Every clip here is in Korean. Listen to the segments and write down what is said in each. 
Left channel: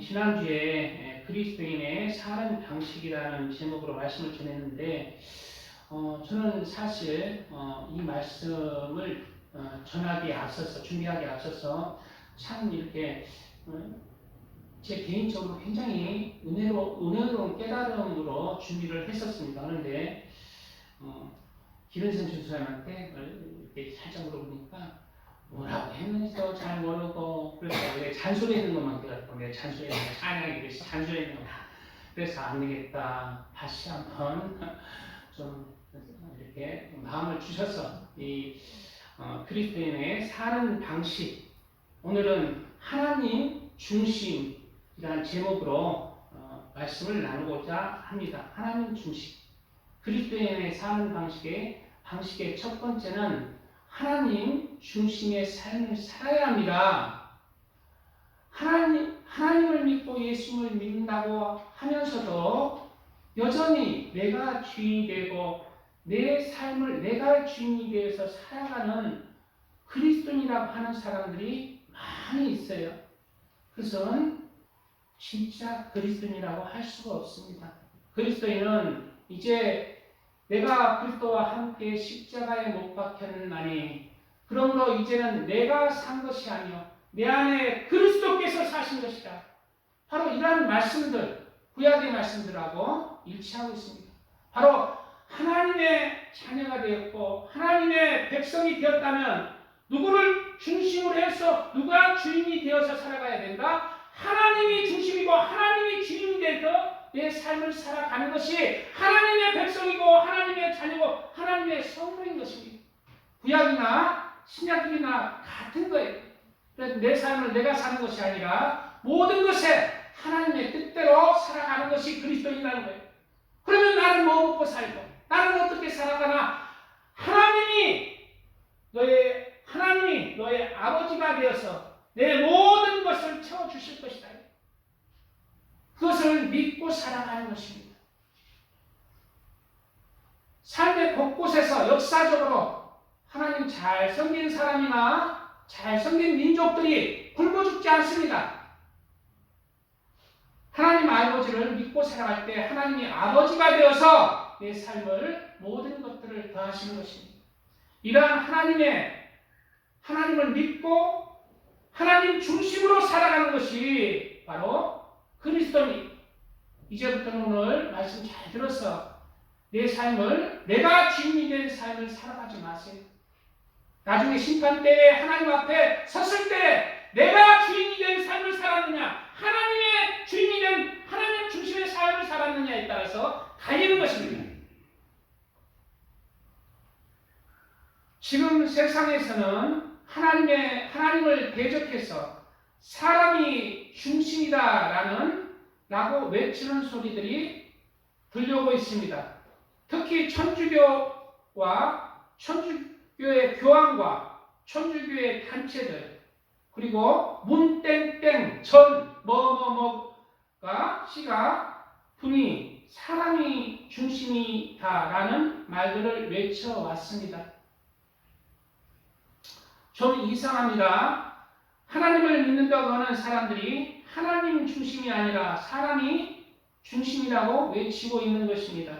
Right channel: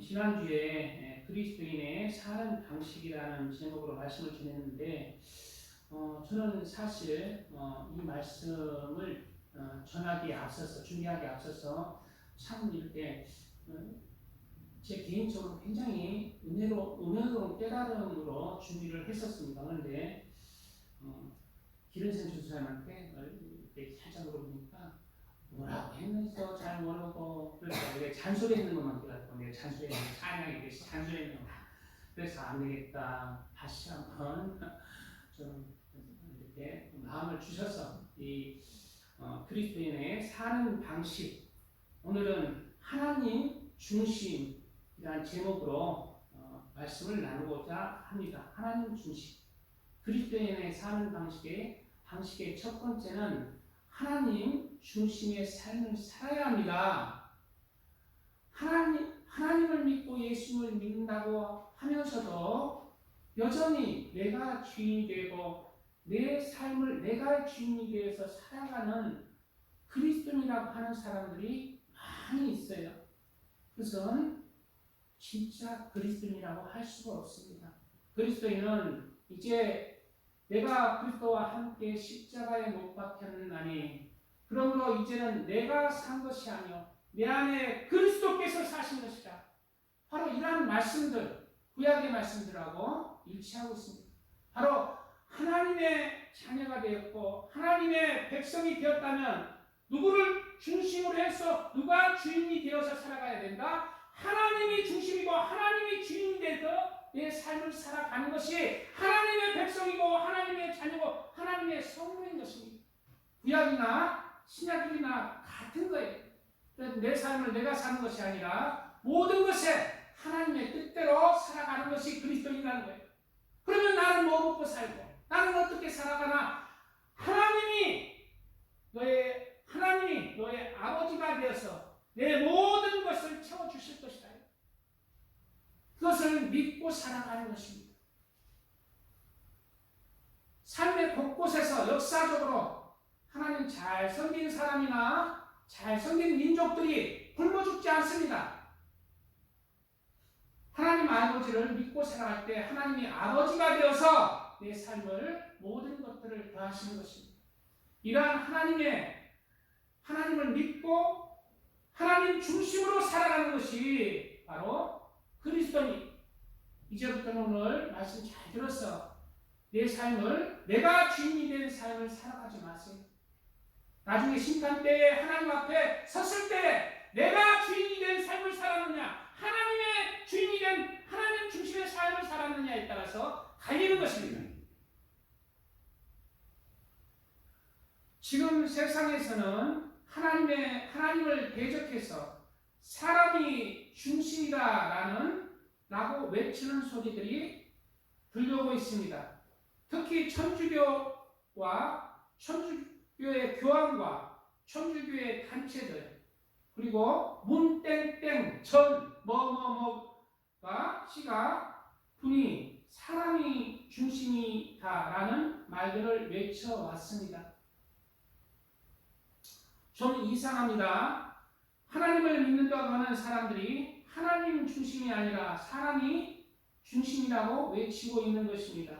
지난주에 그리스도인의 사는 방식이라는 제목으로 말씀을 전했는데 저는 사실 이 말씀을 전하기에 앞서서 준비하기에 앞서서 참 이렇게 제 개인적으로 굉장히 은혜로운 깨달음으로 준비를 했었습니다. 그런데 기른생 주사님한테 이렇게 살짝 물어보니까 뭐라고 했는지도 잘 모르고 그래서 왜 잔소리하는 것만 들었고 내가 잔소리하는 거 찬양이 그래서 잔소리하는 거 그래서 안 되겠다 다시 한번 좀 이렇게 마음을 주셔서 이 그리스도인의 사는 방식 오늘은 하나님 중심이라는 제목으로 말씀을 나누고자 합니다. 하나님 중심 그리스도인의 사는 방식의 첫 번째는 하나님 중심의 삶을 살아야 합니다. 하나님을 믿고 예수님을 믿는다고 하면서도 여전히 내가 주인이 되고 내 삶을 내가 주인이 되어서 살아가는 그리스도인이라고 하는 사람들이 많이 있어요. 그것은 진짜 그리스도인이라고 할 수가 없습니다. 그리스도인은 이제 내가 그리스도와 함께 십자가에 못 박혔나니 그러므로 이제는 내가 산 것이 아니요 내 안에 그리스도께서 사신 것이다. 바로 이러한 말씀들 구약의 말씀들하고 일치하고 있습니다. 바로 하나님의 자녀가 되었고 하나님의 백성이 되었다면 누구를 중심으로 해서 누가 주인이 되어서 살아가야 된다? 하나님이 중심이고 하나님이 주인이 돼서 내 삶을 살아가는 것이 하나님의 백성이고 하나님의 자녀고 하나님의 성도인 것입니다. 구약이나 신약이나 같은 거예요. 그래서 내 삶을 내가 사는 것이 아니라 모든 것에 하나님의 뜻대로 살아가는 것이 그리스도인이라는 거예요. 그러면 나는 뭐 먹고 살고 나는 어떻게 살아가나 하나님이 너의 아버지가 되어서 내 모든 것을 채워주실 것이다. 그것을 믿고 살아가는 것입니다. 삶의 곳곳에서 역사적으로 하나님 잘 섬긴 사람이나 잘 섬긴 민족들이 굶어 죽지 않습니다. 하나님 아버지를 믿고 살아갈 때 하나님이 아버지가 되어서 내 삶을 모든 것들을 더하시는 것입니다. 이러한 하나님을 믿고 하나님 중심으로 살아가는 것이 바로 그리스도니 이제부터는 오늘 말씀 잘 들어서 내 삶을 내가 주인이 된 삶을 살아가지 마세요. 나중에 심판때에 하나님 앞에 섰을 때 내가 주인이 된 삶을 살았느냐 하나님의 주인이 된 하나님 중심의 삶을 살았느냐에 따라서 갈리는 것입니다. 지금 세상에서는 하나님을 대적해서 사람이 중심이다라고 외치는 소리들이 들려오고 있습니다. 특히 천주교와 천주교의 교황과 천주교의 단체들 그리고 문땡땡 전 뭐뭐뭐가 시가 분이 사람이 중심이다라는 말들을 외쳐왔습니다. 좀 이상합니다. 하나님을 믿는다고 하는 사람들이 하나님 중심이 아니라 사람이 중심이라고 외치고 있는 것입니다.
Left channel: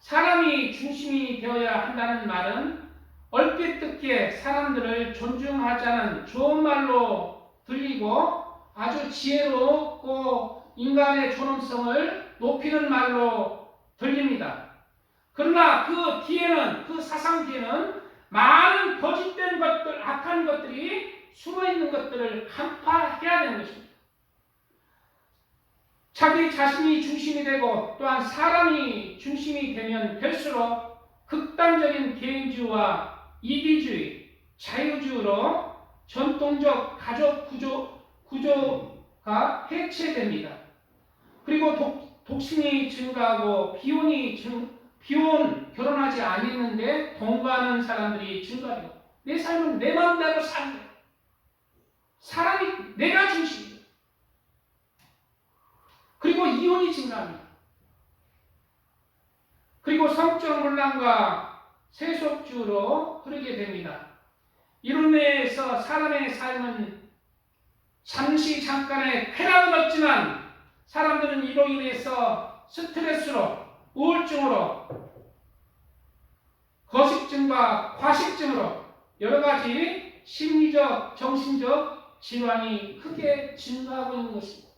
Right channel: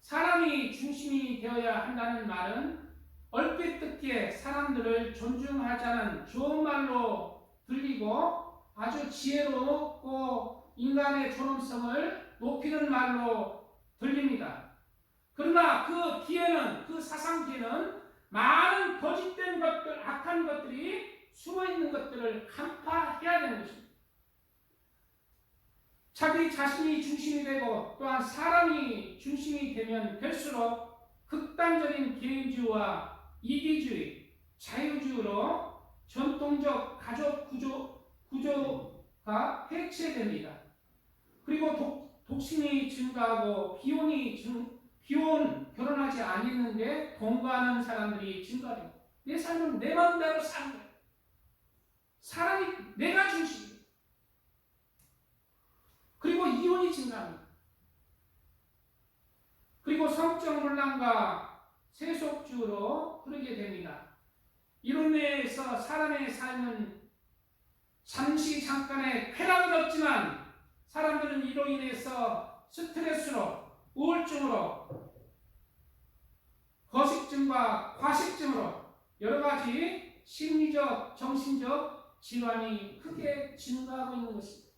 사람이 중심이 되어야 한다는 말은 얼핏 듣기에 사람들을 존중하자는 좋은 말로 들리고 아주 지혜롭고 인간의 존엄성을 높이는 말로 들립니다. 그러나 그 사상 뒤에는 많은 거짓된 것들, 악한 것들이 숨어있는 것들을 간파해야 되는 것입니다. 자기 자신이 중심이 되고 또한 사람이 중심이 되면 될수록 극단적인 개인주의와 이기주의, 자유주의로 전통적 가족 구조가 해체됩니다. 그리고 독신이 증가하고 비혼 결혼하지 않았는데 동거하는 사람들이 증가되고 내 삶은 내 마음대로 사는 거예요. 사람이 내가 중심이에요. 그리고 이혼이 증가합니다. 그리고 성적 문란과 세속주의로 흐르게 됩니다. 이로 인해서 사람의 삶은 잠시 잠깐의 쾌락은 없지만 사람들은 이로 인해서 스트레스로, 우울증으로, 거식증과 과식증으로 여러 가지 심리적, 정신적 질환이 크게 증가하고 있는 것입니다.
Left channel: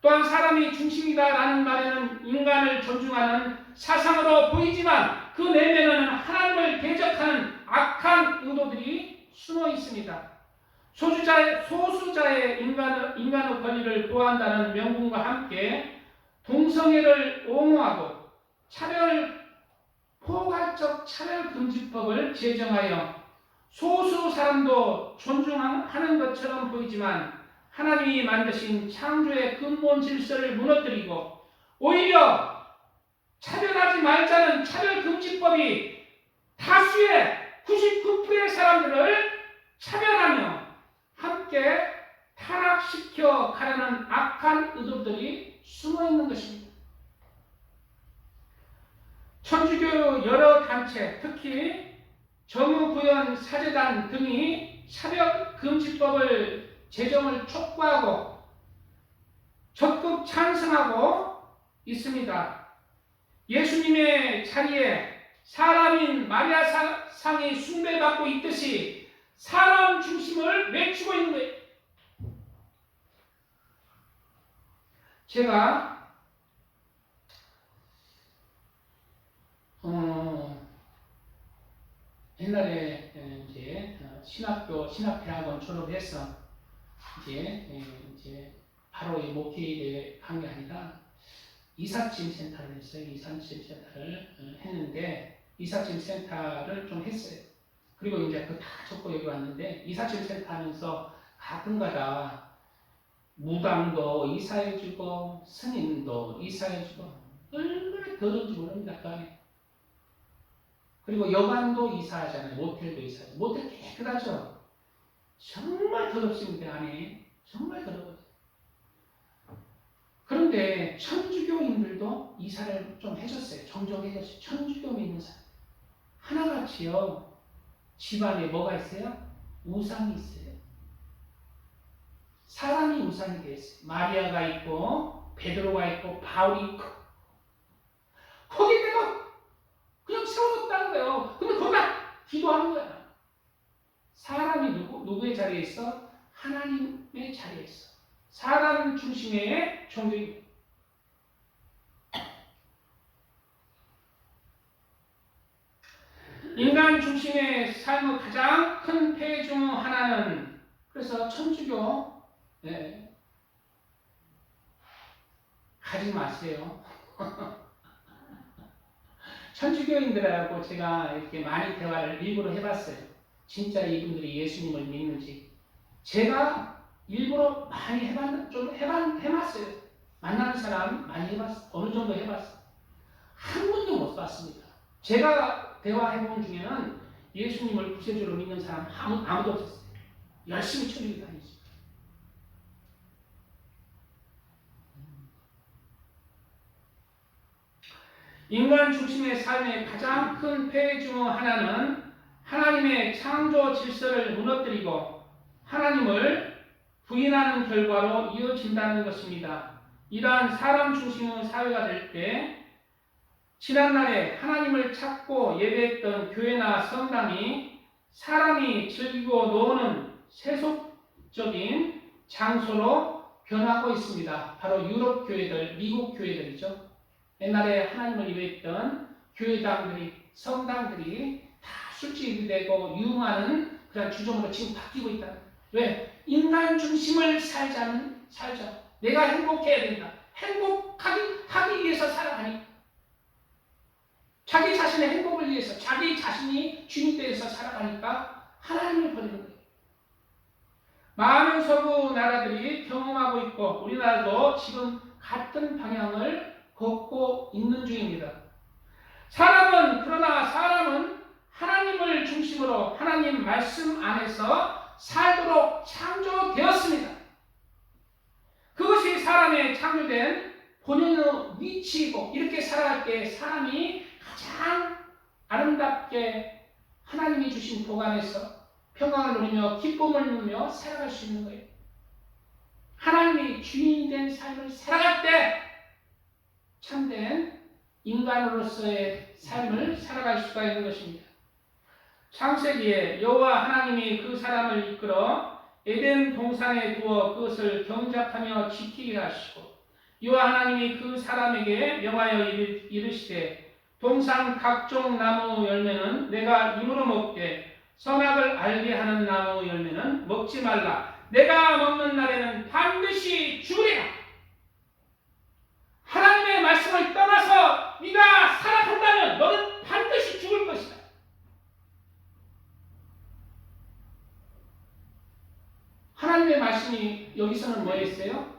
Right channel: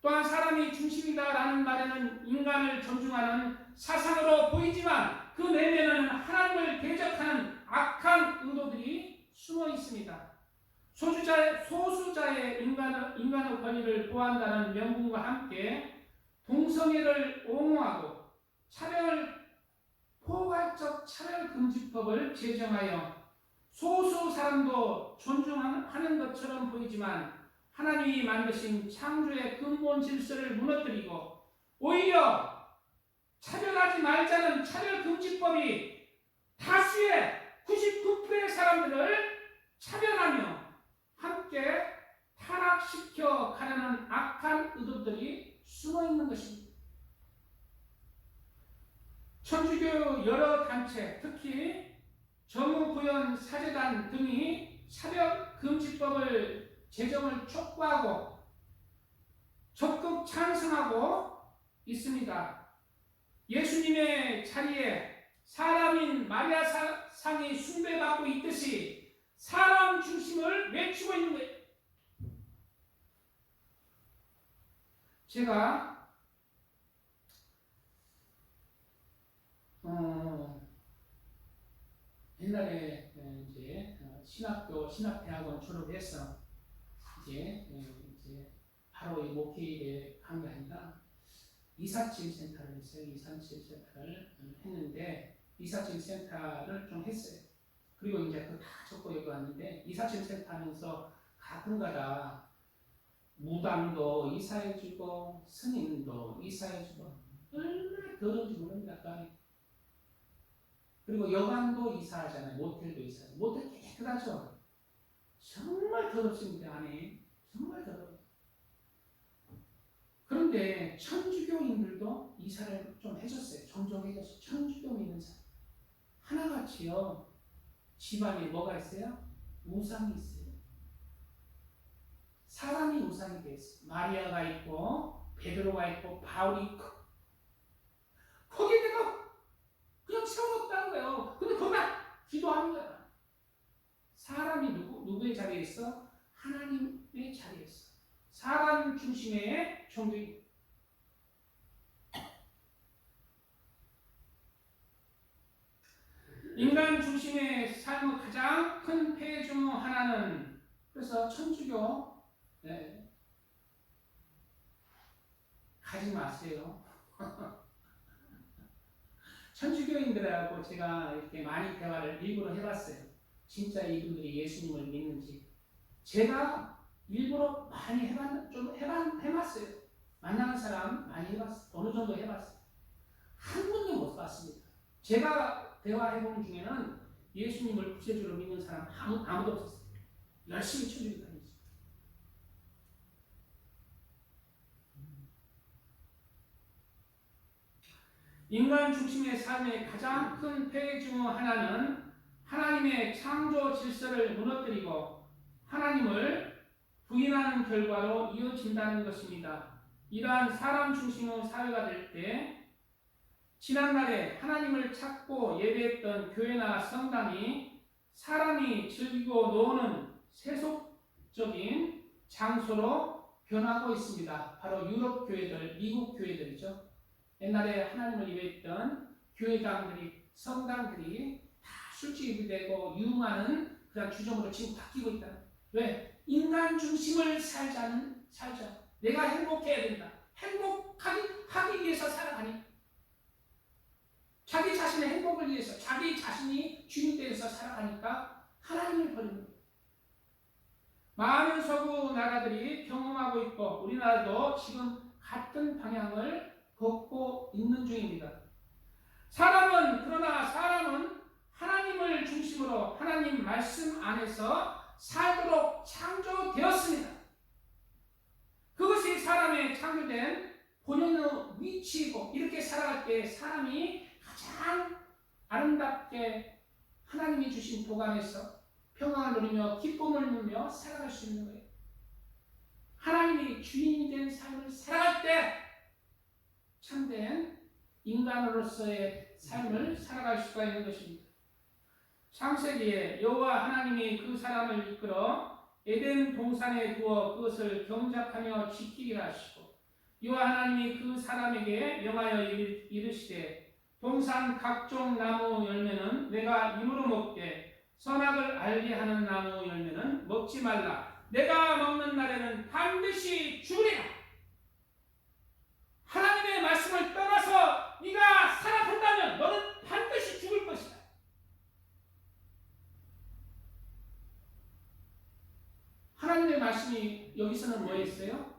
또한 사람이 중심이다라는 말에는 인간을 존중하는 사상으로 보이지만 그 내면에는 하나님을 대적하는 악한 의도들이 숨어 있습니다. 소수자의 인간의 권리를 보호한다는 명분과 함께 동성애를 옹호하고 포괄적 차별금지법을 제정하여 소수 사람도 존중하는 것처럼 보이지만 하나님이 만드신 창조의 근본 질서를 무너뜨리고 오히려 차별하지 말자는 차별금지법이 다수의 99%의 사람들을 차별하며 함께 타락시켜 가려는 악한 의도들이 숨어 있는 것입니다. 천주교 여러 단체, 특히 정의구현 사제단 등이 차별금지법을 제정을 촉구하고 적극 찬성하고 있습니다. 예수님의 자리에 사람인 마리아 상이 숭배받고 있듯이 사람 중심을 외치고 있는 거예요. 제가 옛날에 이제 신학대학원 졸업해서 이제 바로 이 목회일에 간 게 아니라 이삿짐 센터를 했어요. 이삿짐 센터를 했는데 이삿짐 센터를 좀 했어요. 그리고 이제 그 다 적고 여기 왔는데 이삿짐 센터 하면서 가끔가다 무당도 이사해주고 스님도 이사해주고 얼마나 더러운지 모릅니다. 그 안에. 그리고 여관도 이사하잖아요. 모텔도 이사하죠. 모텔 깨끗하죠. 정말 더럽습니다. 안에. 정말 더러워요. 그런데 천주교인들도 이사를 좀 해줬어요. 종종 해줬어요. 천주교 믿는 사람. 하나같이요. 집안에 뭐가 있어요? 우상이 있어요. 사람이 우상이 되어 있어요. 마리아가 있고 베드로가 있고 바울이 있고 거기 내가 그냥 세워놓았다는 거예요. 근데 거기다 기도하는 거야. 사람이 누구의 자리에 있어? 하나님의 자리에 있어. 사람 중심의 종교입니다. 인간 중심의 삶의 가장 큰 폐해 중 하나는 그래서 천주교 가지 마세요. 천주교인들하고 제가 이렇게 많이 대화를 일부러 해봤어요. 진짜 이분들이 예수님을 믿는지. 제가 일부러 많이 해봤어요. 만나는 사람 많이 해봤어요. 어느 정도 해봤어요. 한 분도 못 봤습니다. 제가 대화해본 중에는 예수님을 구세주로 믿는 사람 아무도 없었어요. 열심히 천주교 다니죠. 인간 중심의 삶의 가장 큰 폐해 중 하나는 하나님의 창조 질서를 무너뜨리고 하나님을 부인하는 결과로 이어진다는 것입니다. 이러한 사람 중심의 사회가 될 때 지난날에 하나님을 찾고 예배했던 교회나 성당이 사람이 즐기고 노는 세속적인 장소로 변하고 있습니다. 바로 유럽 교회들, 미국 교회들이죠. 옛날에 하나님을 예배했던 교회당들이, 성당들이 다 술집이 되고 유흥하는 그런 주점으로 지금 바뀌고 있다. 왜? 인간 중심을 살자. 내가 행복해야 된다. 행복하기 위해서 살아가니. 자기 자신의 행복을 위해서, 자기 자신이 주님께서 살아가니까 하나님을 버리는 거예요. 많은 서구 나라들이 경험하고 있고 우리나라도 지금 같은 방향을 걷고 있는 중입니다. 그러나 사람은 하나님을 중심으로 하나님 말씀 안에서 살도록 창조되었습니다. 그것이 사람의 창조된 본연의 위치이고 이렇게 살아갈 때 사람이 가장 아름답게 하나님이 주신 복 안에서 평강을 누리며 기쁨을 누리며 살아갈 수 있는 거예요. 하나님이 주인이 된 삶을 살아갈 때 참된 인간으로서의 삶을 살아갈 수가 있는 것입니다. 창세기에 여호와 하나님이 그 사람을 이끌어 에덴 동산에 두어 그것을 경작하며 지키게 하시고 여호와 하나님이 그 사람에게 명하여 이르시되 동산 각종 나무 열매는 내가 입으로 먹되 선악을 알게 하는 나무 열매는 먹지 말라. 내가 먹는 날에는 반드시 죽으리라. 하나님의 말씀을 떠나서 네가 살아간다면 너는 반드시 죽을 것이다. 하나님의 말씀이 여기서는 뭐였어요?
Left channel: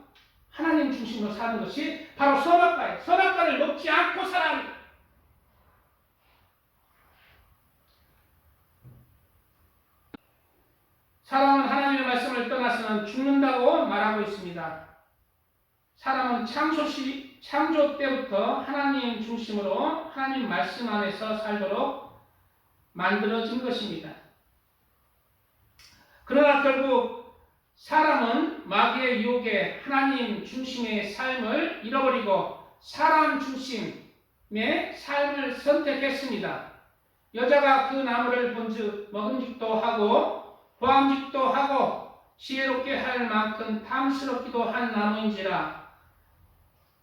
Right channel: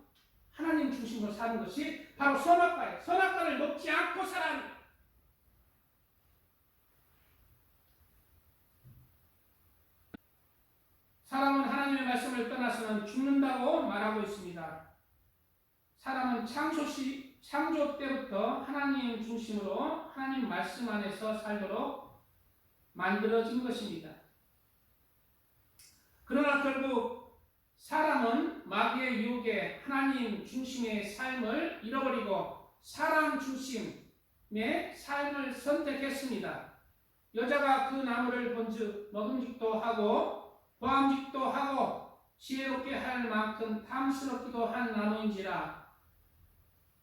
하나님 중심으로 사는 것이 바로 선악과예요. 선악과를 먹지 않고 살아야 합니다. 사람은 하나님의 말씀을 떠나서는 죽는다고 말하고 있습니다. 사람은 창조 때부터 하나님 중심으로 하나님 말씀 안에서 살도록 만들어진 것입니다. 그러나 결국 사람은 마귀의 유혹에 하나님 중심의 삶을 잃어버리고 사람 중심의 삶을 선택했습니다. 여자가 그 나무를 본즉 먹음직도 하고 보암직도 하고 지혜롭게 할 만큼 탐스럽기도 한 나무인지라.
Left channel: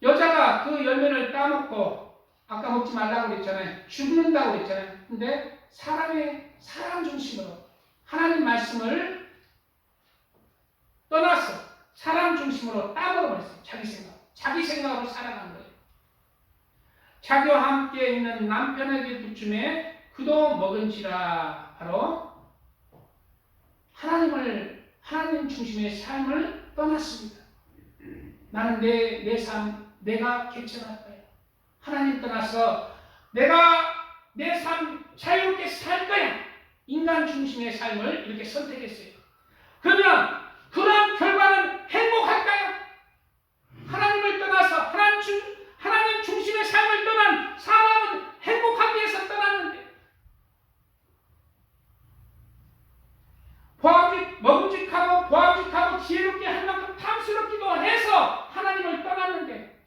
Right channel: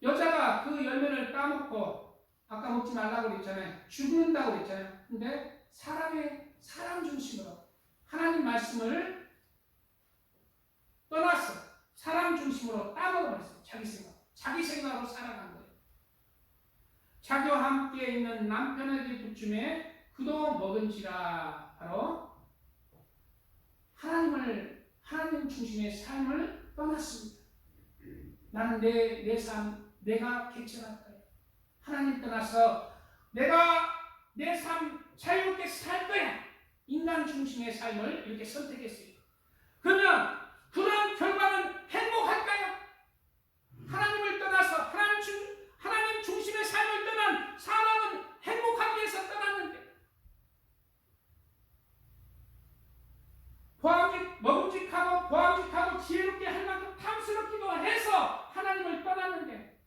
여자가 그 열매를 따먹고 아까 먹지 말라고 그랬잖아요. 죽는다고 그랬잖아요. 근데 사람 중심으로 하나님 말씀을 떠나서 사람 중심으로 따먹어버렸어요. 자기 생각으로 살아간 거예요. 자기와 함께 있는 남편에게 부침에 그도 먹은지라. 바로 하나님 중심의 삶을 떠났습니다. 나는 내 삶, 내가 개척할 거야. 하나님 떠나서 내가 내 삶 자유롭게 살 거야. 인간 중심의 삶을 이렇게 선택했어요. 그러면 그런 결과는 행복할까요? 하나님을 떠나서 하나님 중심의 삶을 떠난 사람은 행복하기 위해서 떠났는데 먹음직하고 보암직하고 지혜롭게 할 만큼 탐스럽기도 해서 하나님을 떠났는데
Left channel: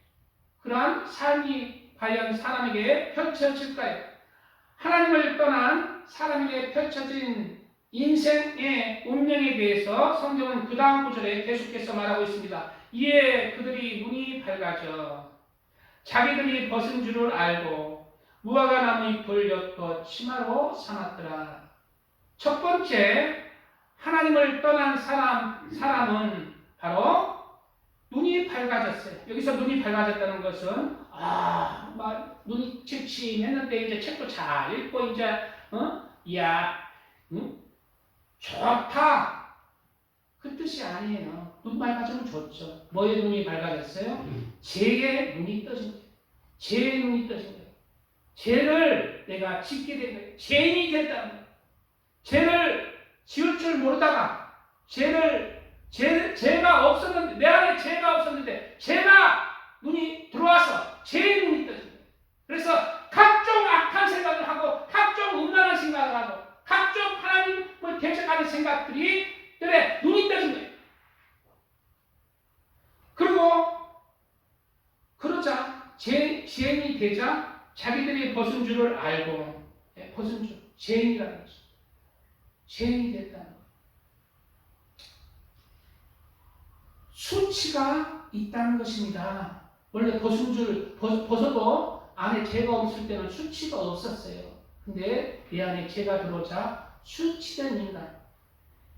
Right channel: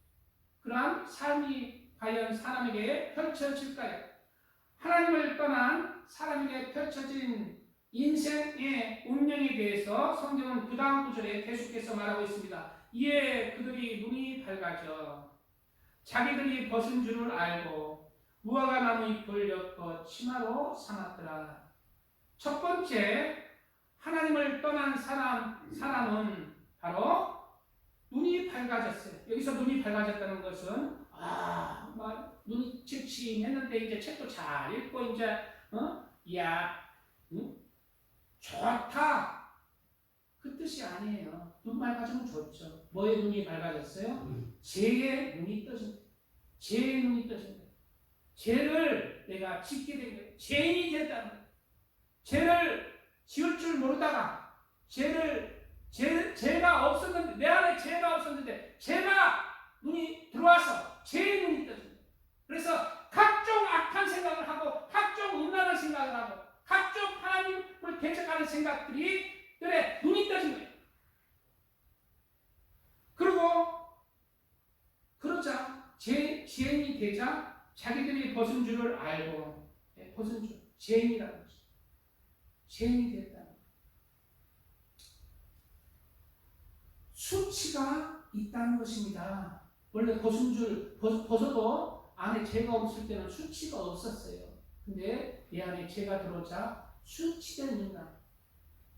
그러한 삶이 과연 사람에게 펼쳐질까요? 하나님을 떠난 사람에게 펼쳐진 인생의 운명에 대해서 성경은 그 다음 구절에 계속해서 말하고 있습니다. 이에 그들이 눈이 밝아져 자기들이 벗은 줄을 알고 무화과 나무 잎을 엿고 치마로 삼았더라. 첫 번째 하나님을 떠난 사람은 바로 눈이 밝아졌어요. 여기서 눈이 밝아졌다는 것은 눈이 침침했는데 이제 책도 잘 읽고 이제 좋다 그 뜻이 아니에요. 눈 밝아지면 좋죠. 뭐의 눈이 밝아졌어요? 죄의 눈이 떠진 거예요. 죄의 눈이 떠진 거예요. 죄를 내가 짓게 된 거예요. 죄인이 됐다는 거예요. 죄를 지을 줄 모르다가 죄가 없었는데 내 안에 죄가 없었는데 죄가 눈이 들어와서 죄의 눈이 떠진 거예요. 그래서 각종 악한 생각을 하고 각종 음란한 생각을 하고 각종 하나님을 대적하는 생각들이 눈이 떠진 거예요. 그리고 그러자 죄인이 되자 자기들이 벗은 줄을 알고 벗은 줄 죄인이라는 거죠. 죄인이 됐다는 거예요. 수치가 있다는 것입니다. 원래 벗어도 안에 죄가 없을 때는 수치가 없었어요. 근데 내 안에 죄가 들어오자 수치된 인간,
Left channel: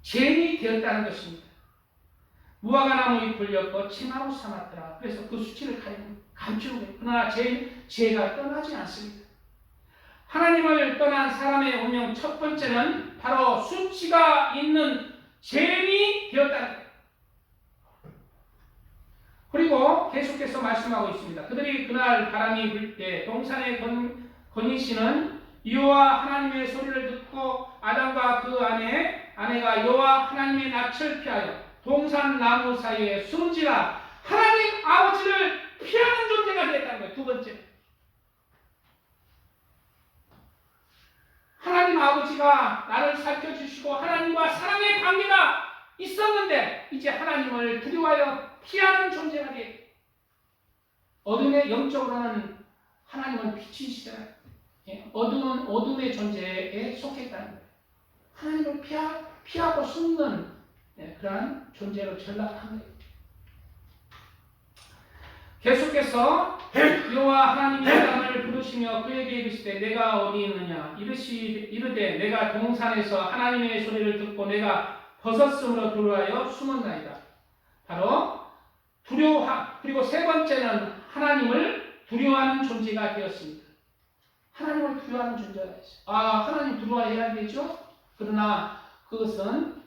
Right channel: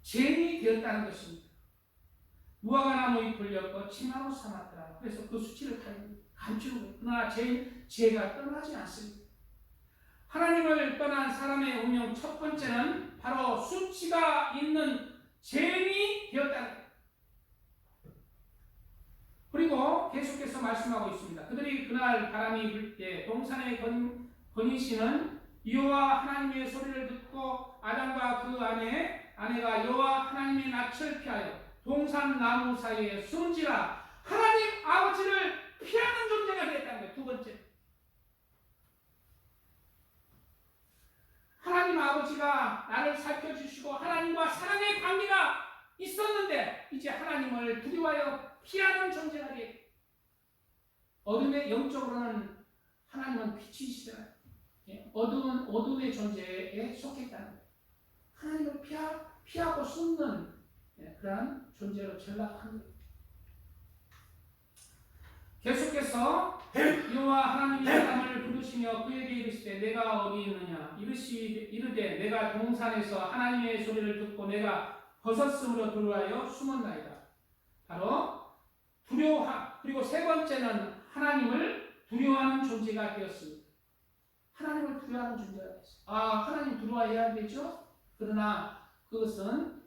죄인이 되었다는 것입니다. 무화과 나무 잎을 엮고 치마로 삼았더라. 그래서 그 수치를 감추는 거예요. 그러나 죄가 떠나지 않습니다. 하나님을 떠난 사람의 운명 첫 번째는 바로 수치가 있는 죄인이 되었다는 거예요. 그리고 계속해서 말씀하고 있습니다. 그들이 그날 바람이 불 때 동산에 거니시는 여호와 하나님의 소리를 듣고 아담과 그 아내가 여호와 하나님의 낯을 피하여 동산 나무 사이에 숨은지라. 하나님 아버지를 피하는 존재가 되었다는 거예요. 두 번째, 하나님 아버지가 나를 살펴주시고 하나님과 사랑의 관계가 있었는데 이제 하나님을 두려워하여 피하는 존재가 돼. 어둠의 영적으로는 하나님은 빛이시잖아요. 어둠의 존재에 속했다는 거예요. 하나님을 피하고 숨는 그러한 존재로 전락한 거예요. 계속해서 여호와 하나님이 아담을 부르시며 그에게 이르시되 내가 어디 있느냐 이르되 내가 동산에서 하나님의 소리를 듣고 내가 벗었으므로 두려워하여 숨었나이다. 바로 그리고 세 번째는 하나님을 두려워하는 존재가 되었습니다. 하나님을 두려워하는 존재가 있어요. 하나님 두려워해야 되죠. 그러나 그것은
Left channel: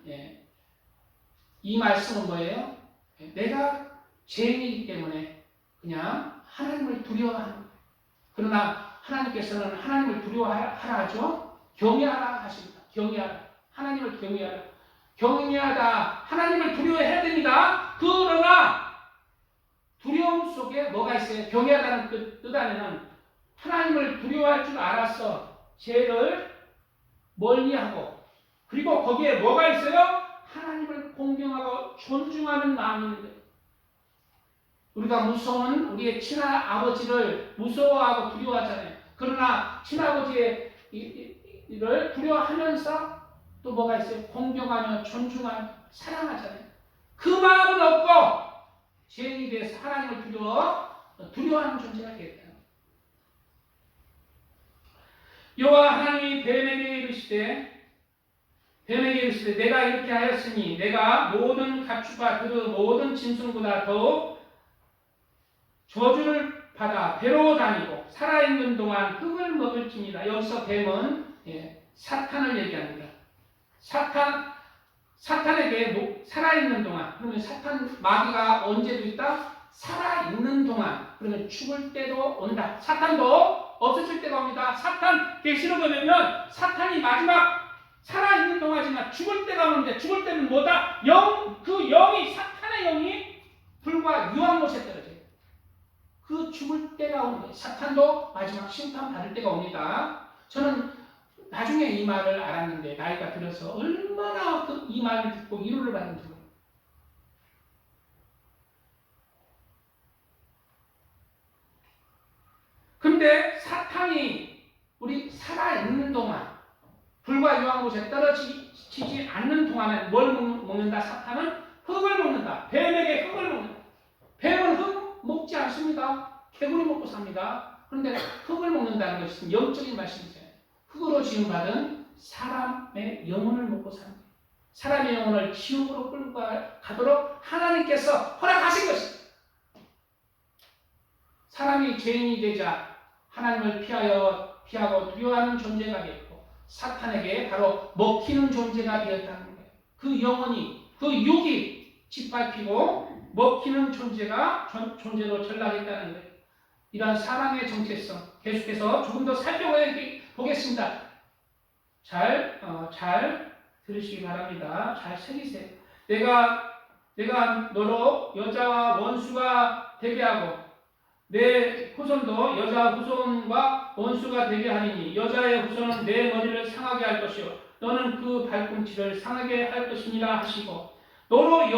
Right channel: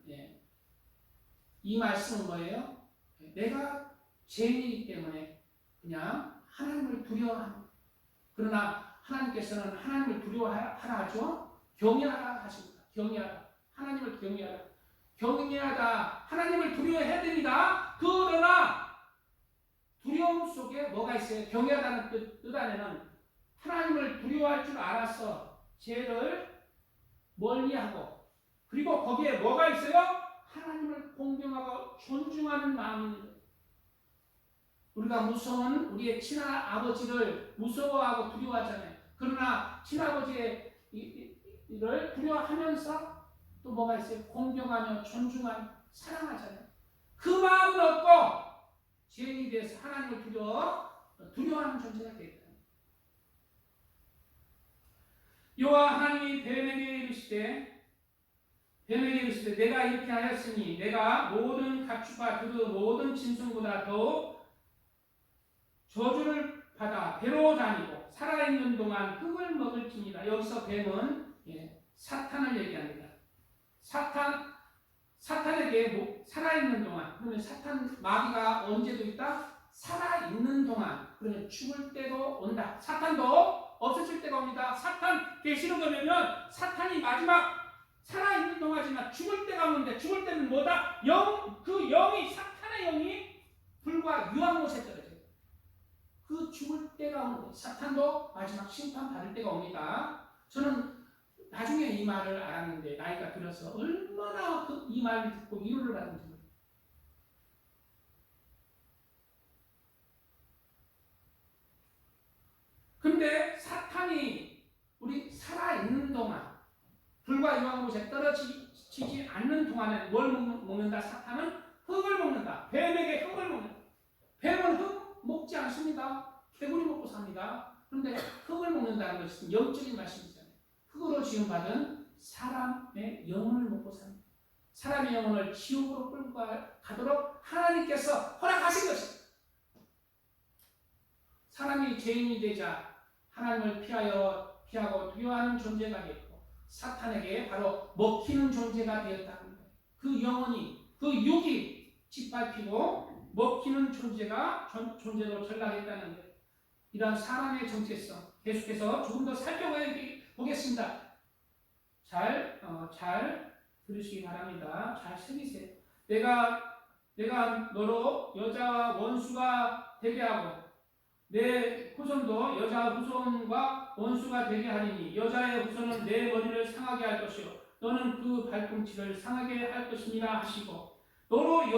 이 말씀은 뭐예요? 내가 죄인이기 때문에 그냥 하나님을 두려워하는 거예요. 그러나 하나님께서는 하나님을 두려워하라 하죠. 경외하라 하십니다. 경외하라. 하나님을 경외하라. 경외하다. 하나님을 두려워해야 됩니다. 그러나 두려움 속에 뭐가 있어요? 경외하다는 뜻 안에는 하나님을 두려워할 줄 알아서 죄를 멀리하고 그리고 거기에 뭐가 있어요? 하나님을 공경하고 존중하는 마음이 있는 거예요. 우리가 무서운 우리의 친아버지를 무서워하고 두려워하잖아요. 그러나 친아버지의 이를 두려워하면서 또 뭐가 있어요? 공경하며 존중하며 사랑하잖아요. 그 마음은 없고 죄인이 대해서 하나님을 두려워하는 존재가 되겠다. 여호와 하나님이 뱀에게 이르시되 내가 이렇게 하였으니 내가 모든 가축과 그 모든 짐승보다 더욱 저주를 받아 배로 다니고 살아있는 동안 흙을 먹을지니라. 여기서 뱀은 사탄을 얘기합니다. 사탄에게 살아있는 동안, 그러면 마귀가 언제도 있다? 살아있는 동안, 그러면 죽을 때도 온다. 사탄도 없어질 때가 옵니다. 사탄 계시록 보면 사탄이 마지막 살아있는 동안이지만 죽을 때가 오는데, 죽을 때는 뭐다? 사탄의 영이 불과 유황못에 떨어져요. 그 죽을 때가 오는 거예요. 사탄도 마지막 심판받을 때가 옵니다. 저는 나중에 이 말을 알았는데, 나이가 들어서 얼마나 이 말을 듣고 위로를 받는지 모르겠어요. 근데 사탄이 우리 살아있는 동안, 불과 유황못에 떨어지지 않는 동안에 뭘 먹는다? 사탄은 흙을 먹는다. 뱀에게 흙을 먹는다. 뱀은 흙 먹지 않습니다. 개구리 먹고 삽니다. 그런데 흙을 먹는다는 것은 영적인 말씀이잖아요. 흙으로 지음받은 사람의 영혼을 먹고 삽니다. 사람의 영혼을 지옥으로 끌고 가도록 하나님께서 허락하신 것입니다. 사람이 죄인이 되자 하나님을 피하고 두려워하는 존재가 되었고, 사탄에게 바로 먹히는 존재가 되었다는 거예요. 그 영혼이, 그 육이 짓밟히고 먹히는 존재로 전락했다는 거예요. 이러한 사랑의 정체성, 계속해서 조금 더 살펴보겠습니다. 잘 들으시기 바랍니다. 잘 새기세요. 내가 너로 여자와 원수가 되게 하고 내 후손도 여자 후손과 원수가 되게 하리니 여자의 후손은 내 머리를 상하게 할 것이요 너는 그 발꿈치를 상하게 할 것이니라 하시고, 너로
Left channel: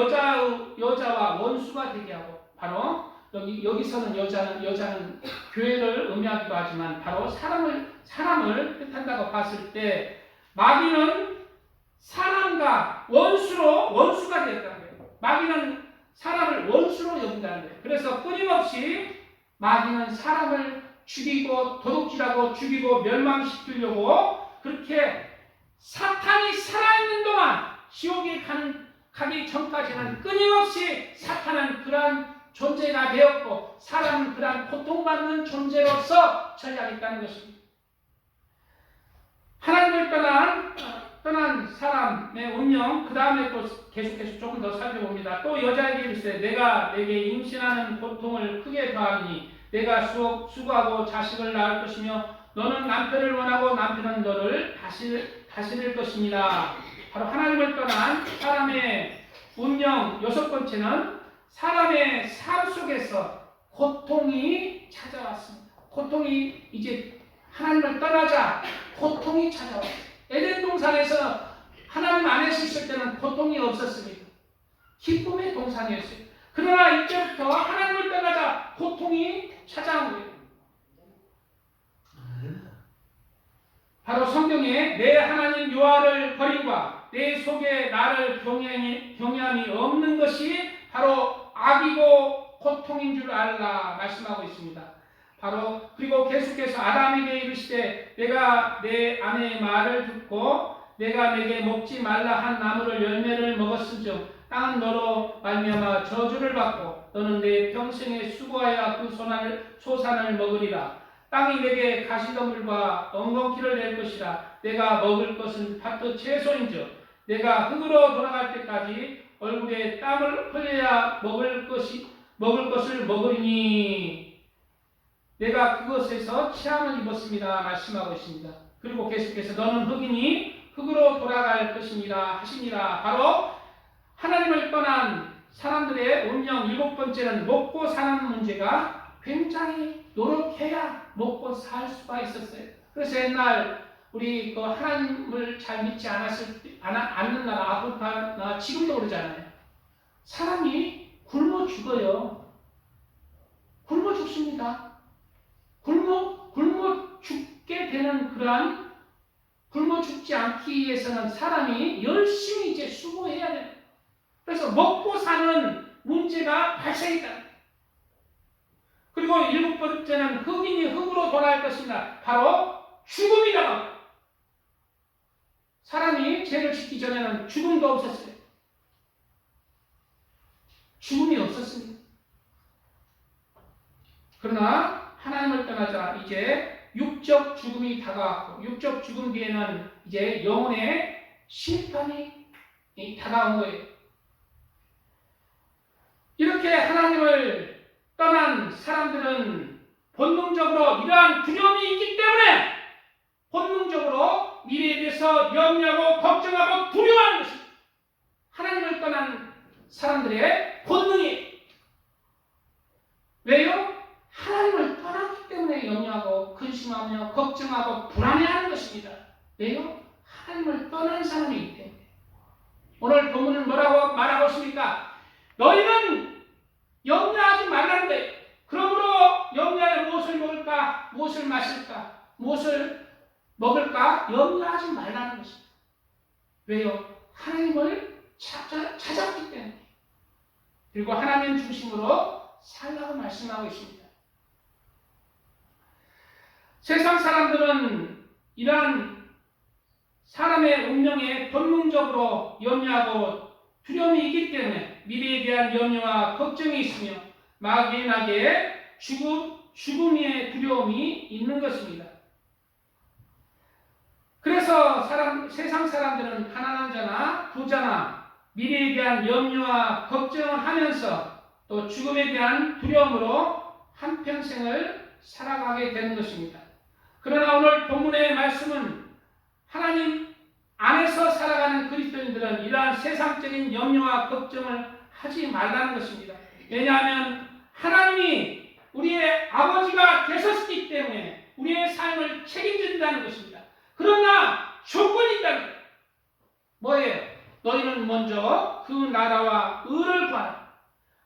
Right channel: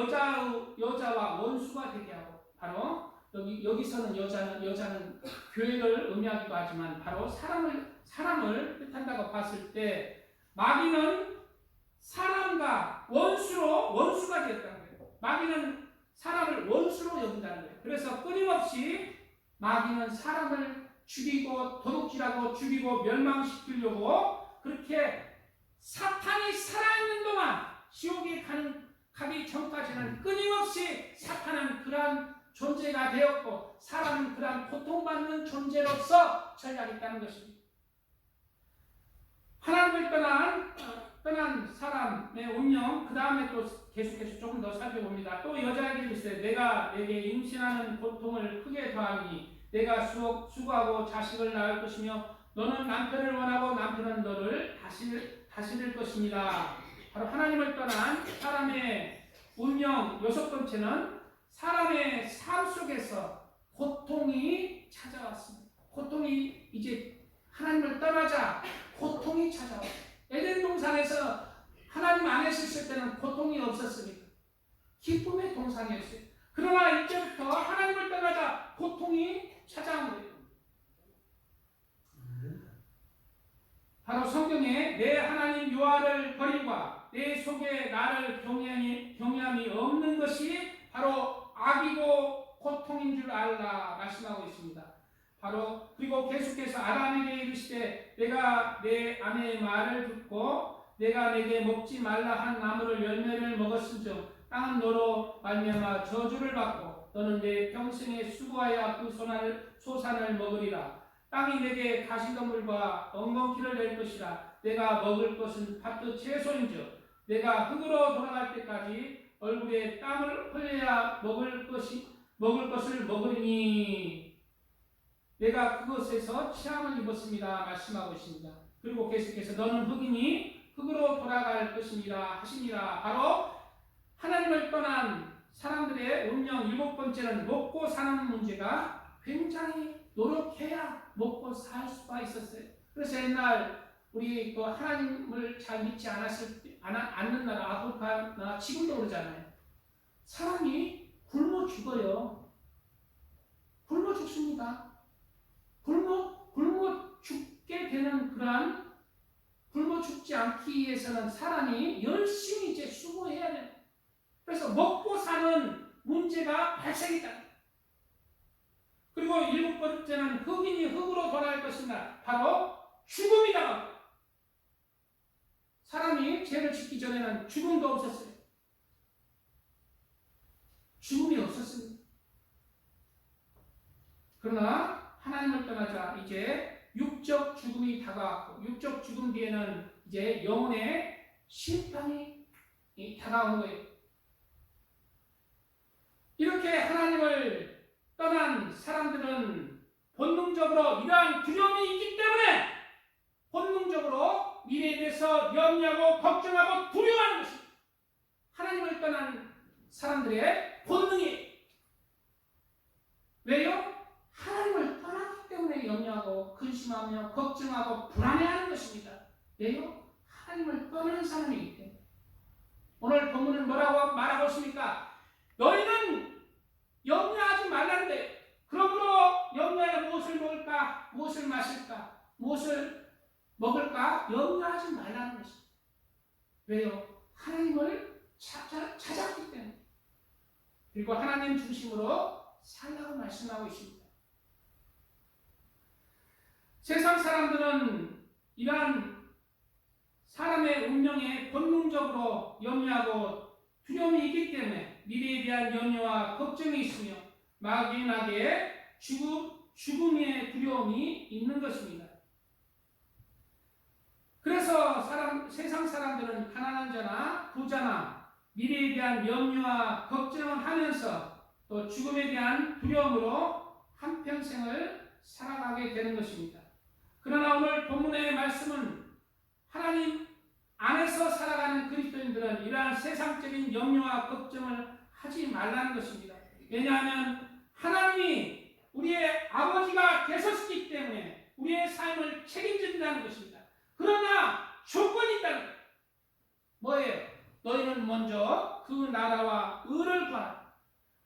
여자와 원수가 되게 하고, 바로 여기서는 여자는 교회를 의미하기도 하지만 바로 사람을 뜻한다고 봤을 때, 마귀는 사람과 원수가 되었다는 거예요. 마귀는 사람을 원수로 여긴다는 거예요. 그래서 끊임없이 마귀는 사람을 죽이고 도둑질하고 죽이고 멸망시키려고, 그렇게 사탄이 살아있는 동안 지옥에 가기 전까지는 끊임없이 사탄은 그러한 존재가 되었고, 사람은 그러한 고통받는 존재로서 전락했다는 것입니다. 하나님을 떠난 사람의 운명, 그 다음에 또 계속해서 조금 더 살펴봅니다. 또 여자에게 이르시되 내가 내게 임신하는 고통을 크게 더하니 내가 수고하고 자식을 낳을 것이며 너는 남편을 원하고 남편은 너를 다스릴 것이니라. 바로 하나님을 떠난 사람의 운명, 여섯 번째는 사람의 삶 속에서 고통이 찾아왔습니다. 고통이 이제 하나님을 떠나자 고통이 찾아왔습니다. 에덴 동산에서 하나님 안에서 있을 때는 고통이 없었습니다. 기쁨의 동산이었어요. 그러나 이제부터 하나님을 떠나자 고통이 찾아온 거예요. 바로 성경에 내 하나님 여호와를 버림과 내 속에 나를 경외함이 없는 것이 바로 악이고 고통인 줄 알라 말씀하고 있습니다. 바로 그리고 계속해서 아담에게 이르시되 내가 내 아내의 말을 듣고 내가 내게 먹지 말라 한 나무를 열매를 먹었은즉 땅은 너로 말미암아 저주를 받고 너는 내 평생에 수고하여 그 소산을 먹으리라. 땅이 내게 가시덤불과 엉겅퀴를 낼 것이라. 내가 먹을 것은 밭의 채소인즉 내가 흙으로 돌아갈 때까지 얼굴에 땀을 흘려야 먹을 것을 먹으리니 내가 그것에서 취함을 입었습니다 말씀하고 있습니다. 그리고 계속해서 너는 흙이니 흙으로 돌아갈 것이니라 하시니라. 바로 하나님을 떠난 사람들의 운명 7번째는 먹고 사는 문제가 굉장히 노력해야 먹고 살 수가 있었어요. 그래서 옛날 우리 하나님을 잘 믿지 않는 나라 아프리카나 지금도 그러잖아요. 사람이 굶어 죽어요. 굶어 죽습니다. 굶어 죽게 되는 그러한 굶어 죽지 않기 위해서는 사람이 열심히 이제 수고해야 돼요. 그래서 먹고 사는 문제가 발생했다. 그리고 7번째는 흙이니 흙으로 돌아갈 것입니다. 바로 죽음이다. 사람이 죄를 짓기 전에는 죽음도 없었어요. 죽음이 없었습니다. 그러나 하나님을 떠나자 이제 육적 죽음이 다가왔고 육적 죽음 뒤에는 이제 영혼의 심판이 다가온 거예요. 이렇게 하나님을 떠난 사람들은 본능적으로 이러한 두려움이 있기 때문에 본능적으로 미래에 대해서 염려하고 걱정하고 두려워하는 것입니다. 하나님을 떠난 사람들의 본능이 왜요? 하나님을 떠났기 때문에 염려하고 근심하며 걱정하고 불안해하는 것입니다. 왜요? 하나님을 떠난 사람이기 때문에. 오늘 본문은 뭐라고 말하고 있습니까? 너희는 염려하지 말라는 거예요. 그러므로 염려하여 무엇을 먹을까? 무엇을 마실까? 무엇을 먹을까? 염려하지 말라는 것입니다. 왜요? 하나님을 찾아왔기 때문에. 그리고 하나님 중심으로 살라고 말씀하고 있습니다. 세상 사람들은 이러한 사람의 운명에 본능적으로 염려하고 두려움이 있기 때문에 미래에 대한 염려와 걱정이 있으며 막연하게 죽음의 두려움이 있는 것입니다. 그래서 세상 사람들은 가난한 자나 부자나 미래에 대한 염려와 걱정을 하면서 또 죽음에 대한 두려움으로 한평생을 살아가게 되는 것입니다. 그러나 오늘 본문의 말씀은 하나님 안에서 살아가는 그리스도인들은 이러한 세상적인 염려와 걱정을 하지 말라는 것입니다. 왜냐하면 하나님이 우리의 아버지가 되셨기 때문에 우리의 삶을 책임진다는 것입니다. 그러나 조건이 있다는 거예요. 뭐예요? 너희는 먼저 그 나라와 의를 구하라.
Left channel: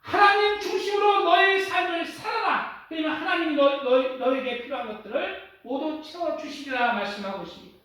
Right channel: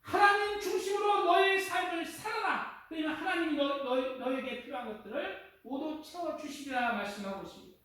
하나님 중심으로 너희의 삶을 살아라. 그러면 하나님이 너희에게 필요한 것들을 모두 채워주시리라 말씀하고 있습니다.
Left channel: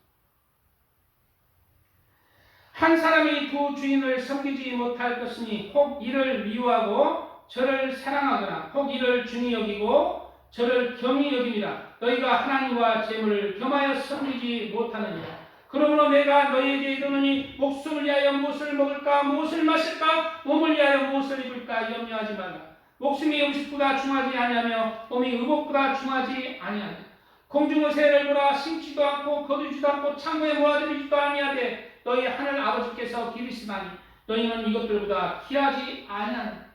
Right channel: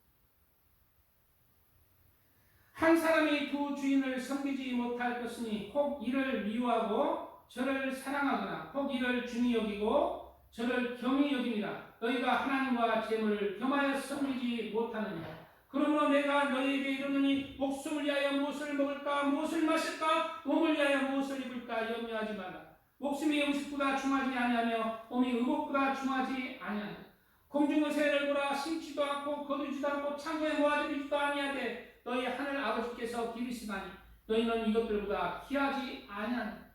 한 사람이 두 주인을 섬기지 못할 것이니 혹 이를 미워하고 저를 사랑하거나 혹 이를 중히 여기고 저를 경히 여깁니다. 너희가 하나님과 재물을 겸하여 섬기지 못하느니라. 그러므로 내가 너희에게 이르노니 목숨을 위하여 무엇을 먹을까 무엇을 마실까 몸을 위하여 무엇을 입을까 염려하지 말라. 목숨이 음식보다 중하지 아니하며 몸이 의복보다 중하지 아니하냐. 공중의 새를 보라 심지도 않고 거두지도 않고 창고에 모아들이지도 아니하되 너희 하늘 아버지께서 기르시나니 너희는 이것들보다 귀하지 아니하냐.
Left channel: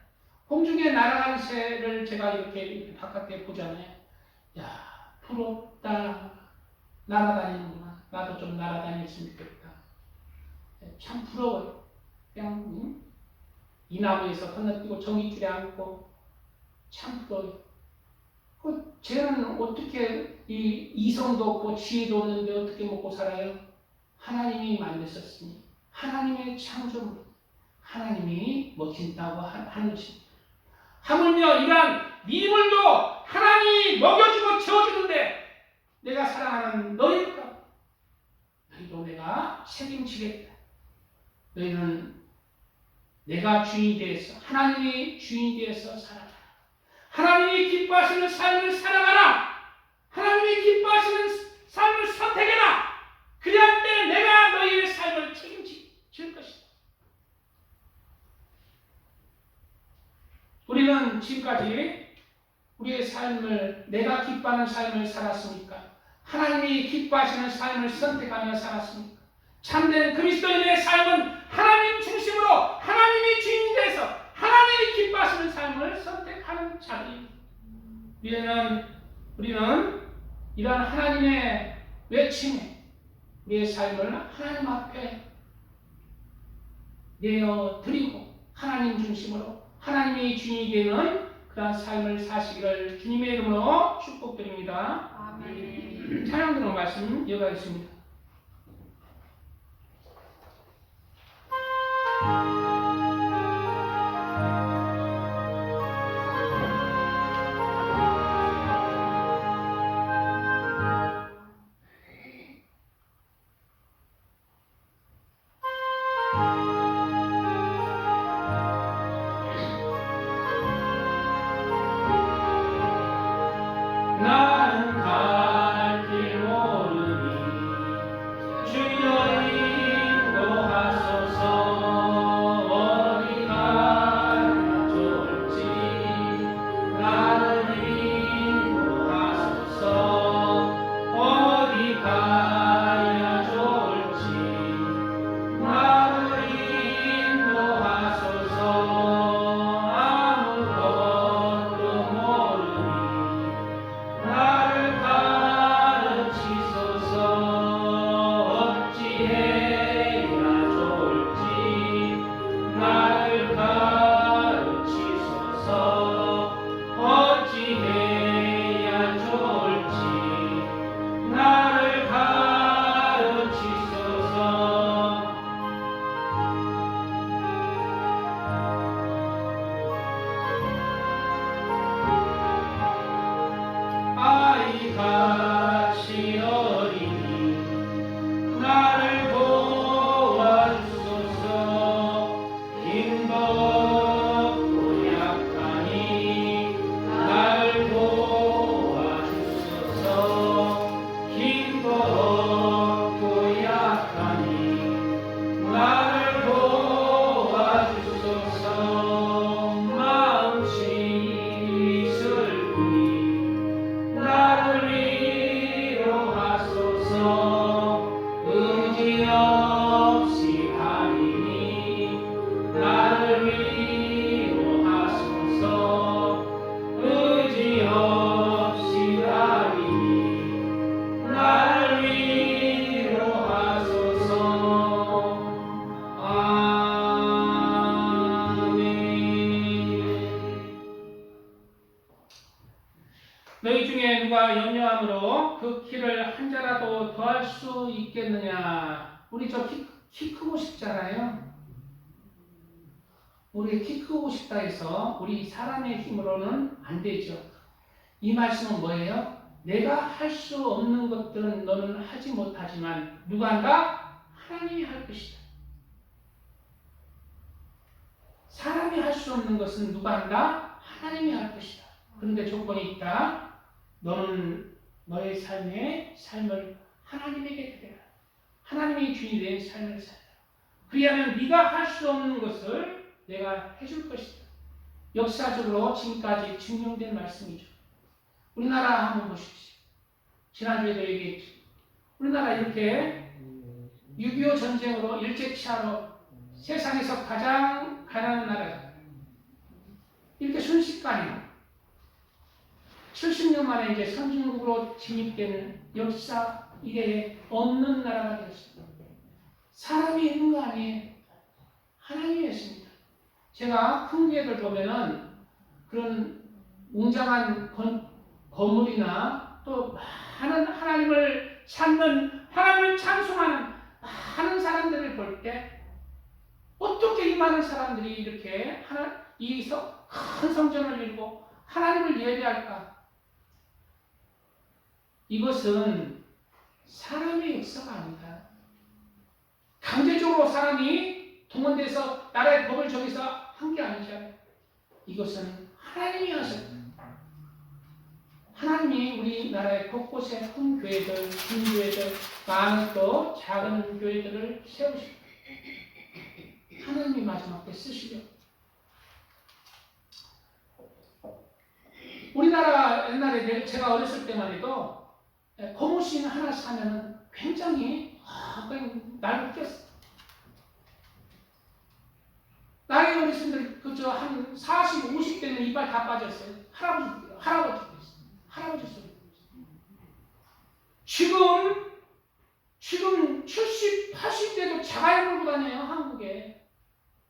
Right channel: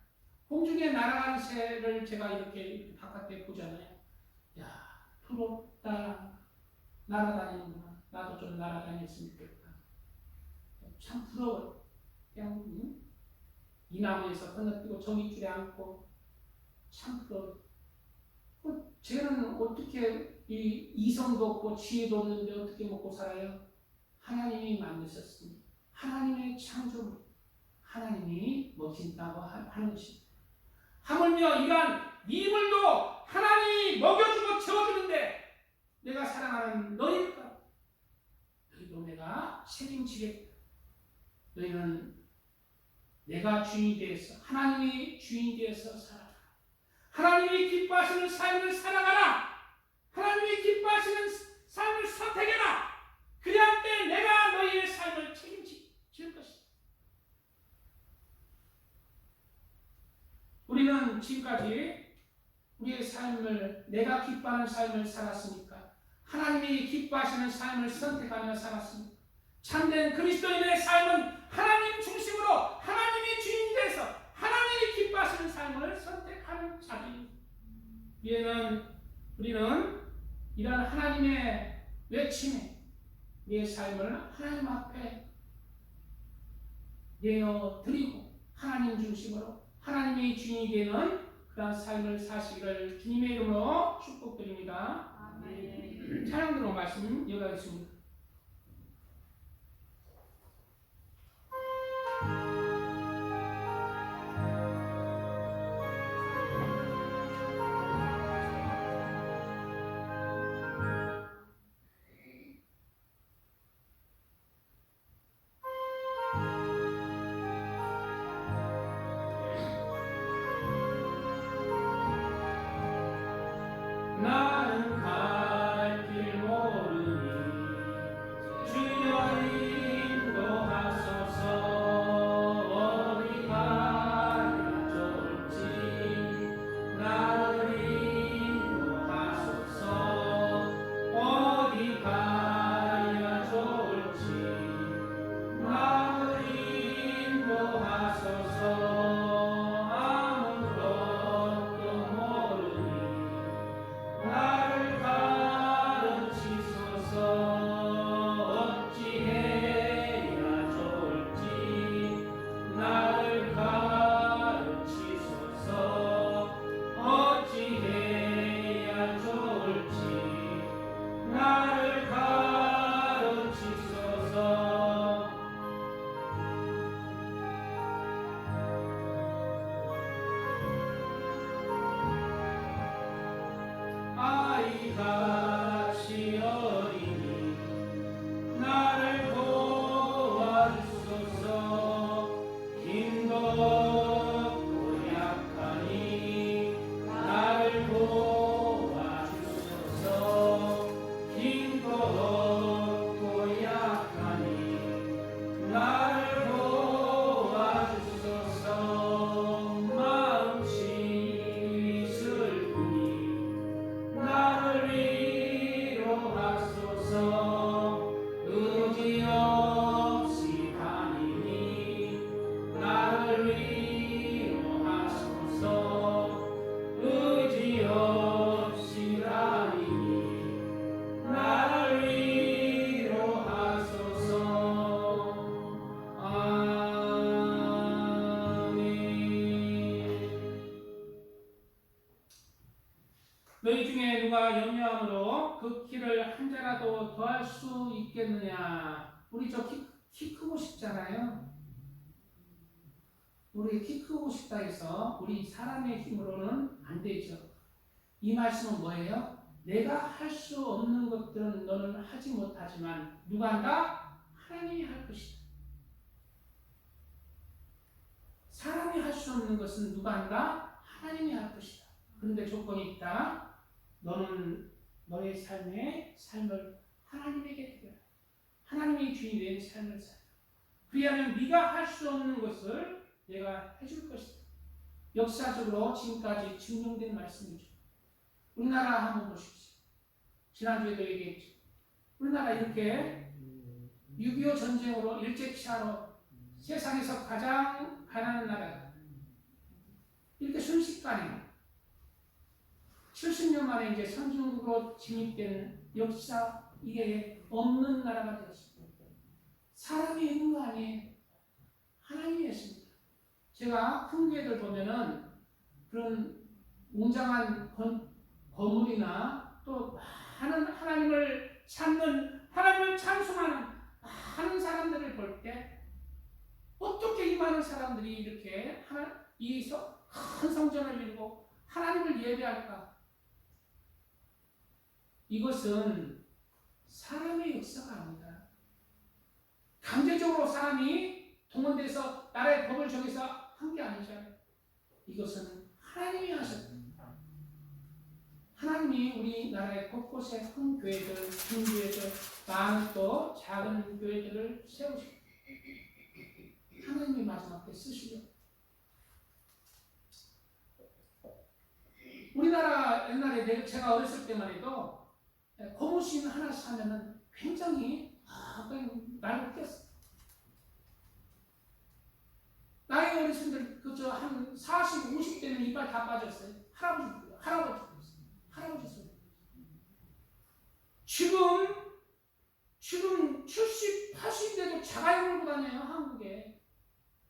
공중에 날아가는 새를 제가 이렇게 바깥에 보잖아요. 야, 부럽다. 날아다니는구나. 나도 좀 날아다녔으면 좋겠다. 참 부러워요. 그냥 이 나무에서 건너뛰고 정깃줄에 앉고 참 부러워요. 쟤는 어떻게 이성도 없고 지혜도 없는데 어떻게 먹고 살아요? 하나님이 만드셨으니 하나님의 창조물 하나님이 먹힌다고 하는 것입니다. 하물며 이러한 미물도 하나님이 먹여주고 채워주는데 내가 사랑하는 너희가 너희도 내가 책임지겠다. 너희는 내가 주인이 되어서 하나님이 주인이 되어서 살아가라. 하나님이 기뻐하시는 삶을 살아가라. 하나님이 기뻐하시는 삶을 선택해라. 그리할 때 내가 너희의 삶을 책임질 것이다. 우리는 지금까지 우리의 삶을 내가 기뻐하는 삶을 살았습니까? 하나님이 기뻐하시는 삶을 선택하며 살았습니까? 참된 그리스도인의 삶은 하나님 중심으로 하나님이 주인이 돼서 하나님이 기뻐하시는 삶을 선택하는 자들입니다. 우리는 이러한 하나님의 외침에 우리의 삶을 하나님 앞에 내어드리고 하나님 중심으로 하나님이 주인이 되는 그러한 삶을 사시기를 주님의 이름으로 축복드립니다. 아멘. 찬양 들은 말씀 이어가겠습니다. 나는 갈 길 모르니 주여 인도하소서. 어디 가야 좋을지 나를 인도하소서. 어디 가야 좋을지 나를 인도하소서. 아무것도 모르니 나를 가르치소서. 어찌해야 좋을지 나를 가르치소서. 어찌해야 좋을지 나를 가르치소서. 아이같이 어리니 나를 도와주소서. 힘도 없고 약하니 나를 도와주소서. 힘도 없고 약하니 나를 도와주소서. 마음씨 슬프니 나를 위로하소서. 의지 없이 하리니 나를 위로하소서. 의지 없이 하리니 나를 위로하소서. 아멘. 너희 중에 누가 염려함으로 그 키를 한 자라도 더할 수 있겠느냐? 우리 저 키 크고 싶잖아요. 우리 키 크고 싶다 해서 우리 사람의 힘으로는 안 되죠. 이 말씀은 뭐예요? 내가 할 수 없는 것들은 너는 하지 못하지만 누가 한다? 하나님이 할 것이다. 사람이 할 수 없는 것은 누가 한다? 하나님이 할 것이다. 그런데 조건이 있다. 너는 너의 삶을 하나님에게 드려라. 하나님이 주인이 된 삶을 살라. 그리하면 네가 할 수 없는 것을 내가 해줄 것이다. 역사적으로 지금까지 증명된 말씀이죠. 우리나라 한번 보십시오. 지난주에도 얘기했죠. 우리나라 이렇게 6.25 전쟁으로 일제치하로 세상에서 가장 가난한 나라다. 이렇게 순식간에 70년 만에 이제 선진국으로 진입된 역사 이래에 없는 나라가 되었습니다. 사람이 있는 거 아니에요. 하나님이 했습니다. 제가 풍기회를 보면은 그런 웅장한 건물이나 또 많은 하나님을 찾는, 하나님을 찬송하는 많은 사람들을 볼 때 어떻게 이 많은 사람들이 이렇게 이 큰 성전을 이루고 하나님을 예배할까? 이것은 사람의 역사가 아니다. 강제적으로 사람이 동원돼서 나라의 법을 정해서 한 게 아니잖아요. 이것은 하나님이 하셨다. 하나님이 우리나라의 곳곳에 큰 교회들, 큰 교회들, 많은 또 작은 교회들을 세우시고 하나님이 마지막 때 쓰시려. 우리나라 옛날에 제가 어렸을 때만 해도 고무신 하나 사면은 굉장히 그냥 날 웃겼어. 나이 어르신들 그저 한 40, 50대는 이빨 다 빠졌어요. 할아버지 소리. 지금 70, 80대도 자가용 몰고 다녀요, 한국에.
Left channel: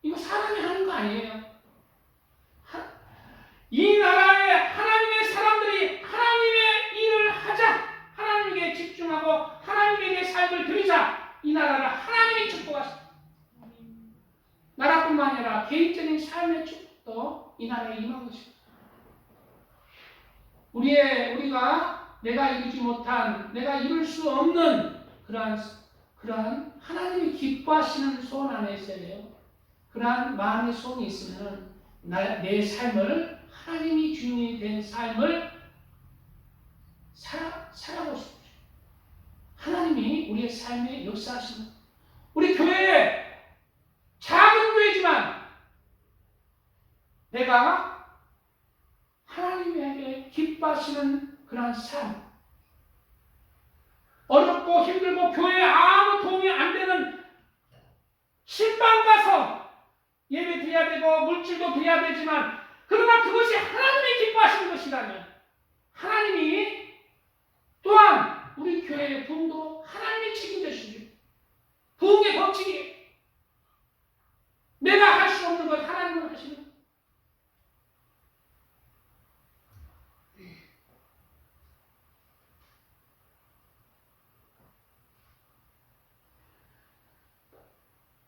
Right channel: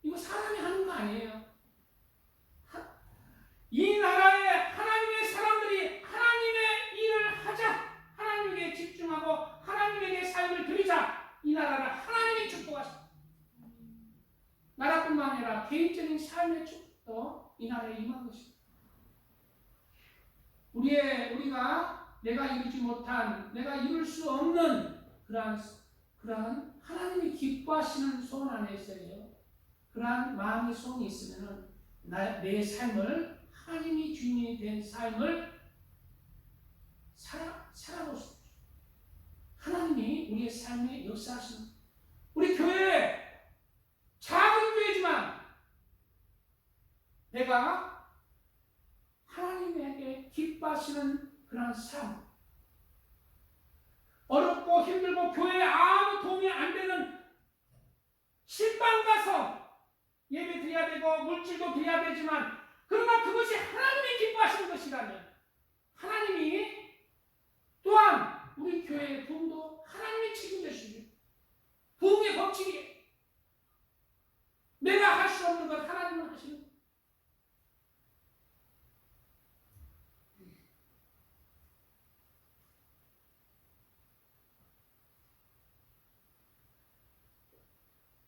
이거 사람이 하는 거 아니에요. 이 나라의 하나님의 사람들이 하나님의 일을 하자. 하나님께 집중하고 하나님께 내 삶을 드리자. 이 나라를 하나님이 축복하십니다. 나라뿐만 아니라 개인적인 삶의 축복도 이 나라에 임한 것입니다. 우리가 내가 이루지 못한, 내가 이룰 수 없는 그러한 하나님이 기뻐하시는 소원 안에 있어야 돼요. 그러한 마음의 소원이 있으면 내 삶을 하나님이 주인이 된 삶을 살아보십시오. 하나님이 우리의 삶에 역사하시는 우리 교회 작은 교회지만 내가 하나님에게 기뻐하시는 그런 삶, 어렵고 힘들고 교회에 아무 도움이 안 되는 신방 가서 예배 드려야 되고 물질도 드려야 되지만 그러나 그것이 하나님이 기뻐하시는 것이라면 하나님이 또한 우리 교회의 부흥도 하나님이 책임져 주시죠. 부흥의 법칙이 내가 할 수 없는 것 하나님은 하시는 거예요.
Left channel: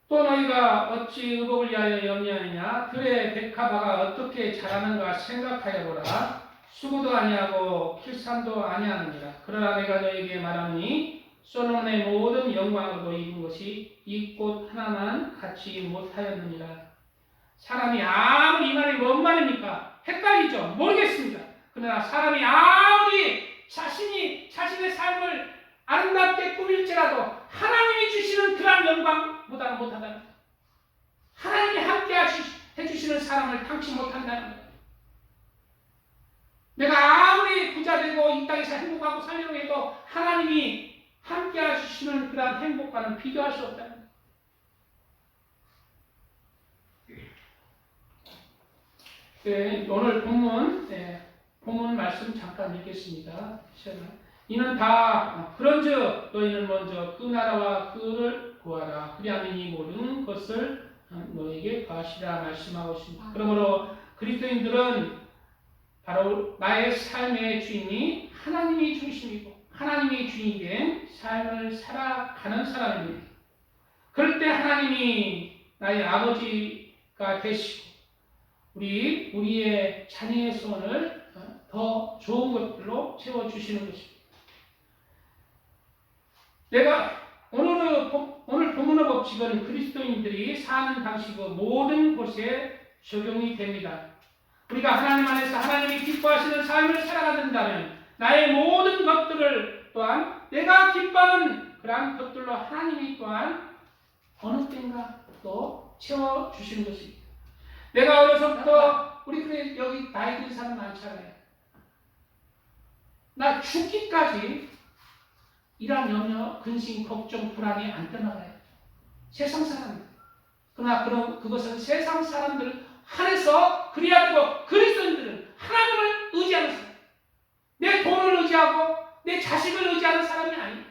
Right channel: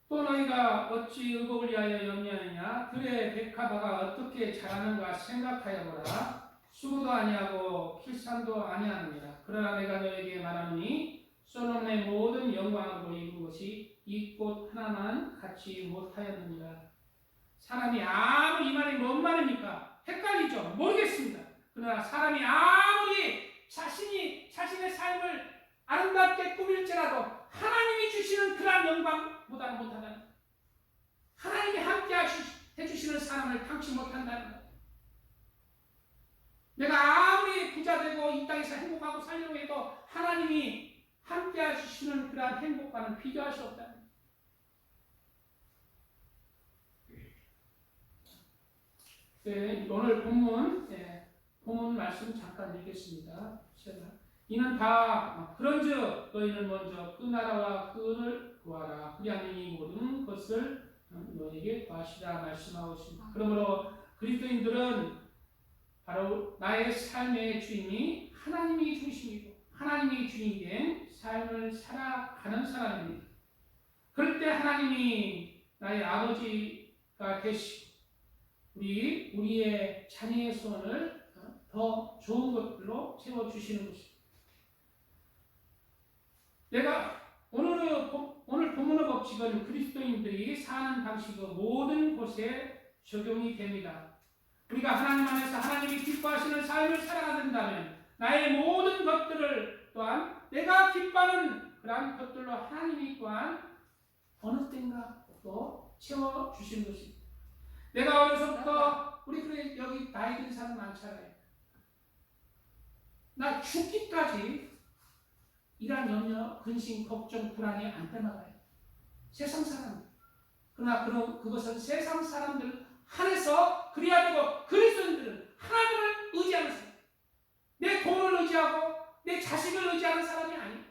또 너희가 어찌 의복을 위하여 염려하느냐? 들의 백합화가 어떻게 자라는가 생각하여 보라. 수고도 아니하고 kilsam도 아니하느니라. 그러나 내가 너에게 말하노니 솔로몬의 모든 영광으로 입은 것이 이 꽃 하나만 갖지 못하였느니라. 사람이 아무리 이 말이 뭔 말입니까? 헷갈리죠? 모르겠습니다. 그러나 사람이 아무리 자신의 삶을 아름답게 꾸밀지라도 하나님이 주시는 그런 영광보다는 못한다는 거예요. 하나님이 함께 해주시는 사람을 당치 못한다는 거예요. 내가 아무리 부자 되고 이 땅에서 행복하고 살려고 해도 하나님이 함께 해주시는 그런 행복과는 비교할 수 없다는 거예요. 오늘 본문 말씀 잠깐 읽겠습니다. 이는 다 그런즉 너희는 먼저 그 나라와 그를 구하라. 그리하면 이 모든 것을 너에게 더하시라 말씀하고 있습니다. 그러므로 그리스도인들은 바로 나의 삶의 주인이 하나님이 중심이고 하나님이 주인이 된 삶을 살아가는 사람입니다. 그럴 때 하나님이 나의 아버지가 되시고 우리의 자녀의 소원을 더 좋은 것들로 채워주시는 것입니다. 내가 오늘 본문의 법칙은 그리스도인들이 사는 방식의 모든 곳에 적용이 됩니다. 우리가 하나님 안에서 하나님이 기뻐하시는 삶을 살아간다면 나의 모든 것들을 또한 내가 기뻐하는 그러한 것들로 하나님이 또한 어느 때인가 또 채워주시는 것입니다. 내가 어려서부터 우리 그래 여기 나이 든 사람 많잖아요. 나 죽기까지 이러한 염려, 근심, 걱정, 불안이 안 떠나가요. 세상 사람들. 그러나 그것은 세상 사람들 한해서 그래야 되고 그리스도인들은 하나님을 의지하는 사람. 내 돈을 의지하고 내 자식을 의지하는 사람이 아니에요.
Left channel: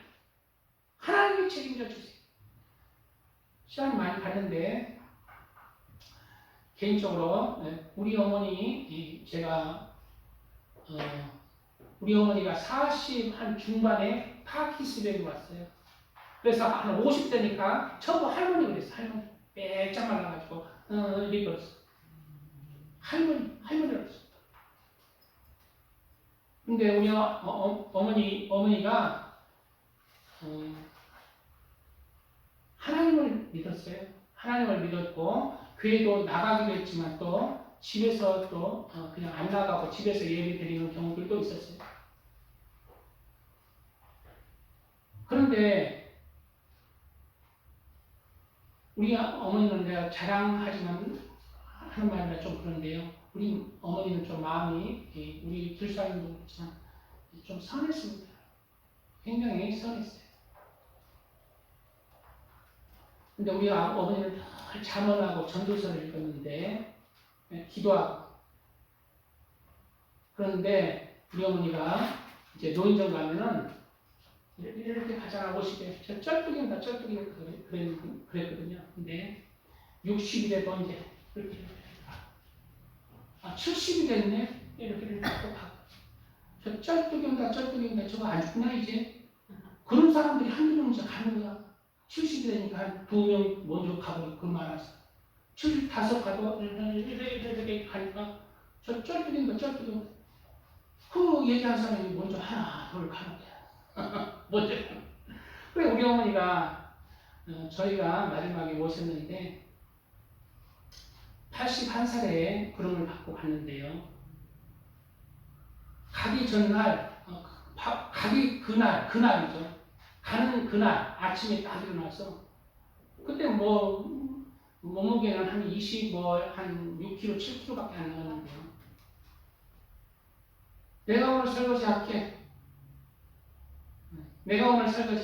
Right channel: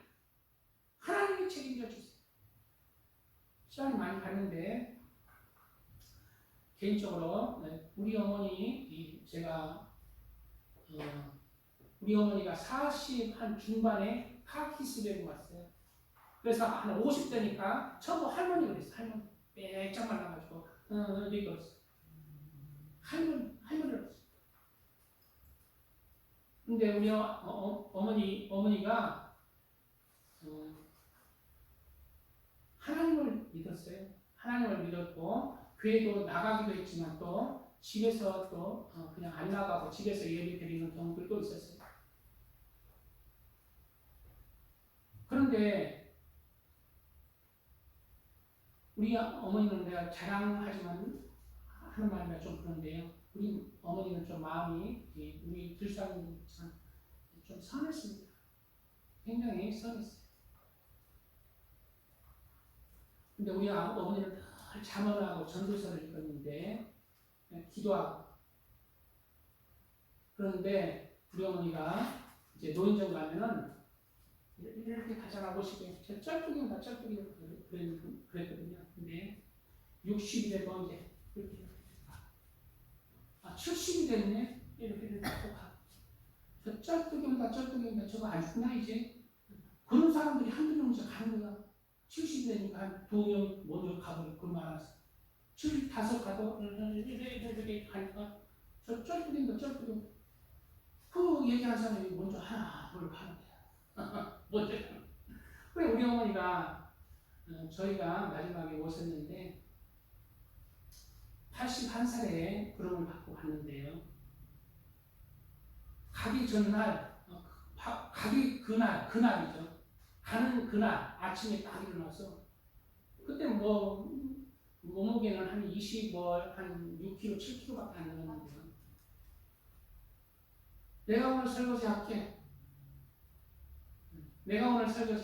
하나님이 책임져 주세요. 시간이 많이 갔는데 개인적으로 우리 어머니 우리 어머니가 40 한 중반에 파킨슨병이 왔어요. 그래서 한 50대니까 처음 할머니 그랬어. 할머니 빼짝 말라가지고 이렇게 그랬어. 할머니라고 했어요. 근데 우리 어머니가 하나님을 믿었어요. 하나님을 믿었고 교회도 나가기도 했지만 또 집에서 또 그냥 안 나가고 집에서 예배 드리는 경우들도 있었어요. 그런데 우리 어머니는 내가 자랑하지만 하는 말이라 좀 그런데요. 우리 어머니는 좀 마음이 우리 불사님도 그렇지만 좀 선했습니다. 굉장히 선했어요. 근데 우리 어머니는 늘 잠언하고 전도서를 읽었는데 기도하고 그런데 우리 어머니가 이제 노인정 가면은 이렇게 가잖아 50에 저 쩔뚝인가 그랬거든요. 근데 60이 돼도 이제 이렇게 70이 됐네 이렇게 또 가고 저 쩔뚝인가 저거 안 죽나 이제 그런 사람들이 한두 명 이제 가는 거야. 70이 되니까 한 2명 먼저 가버리고 그 많아서 75 가도 이렇게 가니까 저 쩔뚝인가 그 얘기한 사람이 먼저 하나 둘 가는 거야. 먼저 그래 우리 어머니가 저희가 마지막에 오셨는데 81살에 구름을 받고 갔는데요. 가기 전날 가기 그날이죠. 가는 그날 아침에 딱 일어나서 그때 몸무게는 한 6kg, 7kg밖에 안 나왔는데요. 내가 오늘 설거지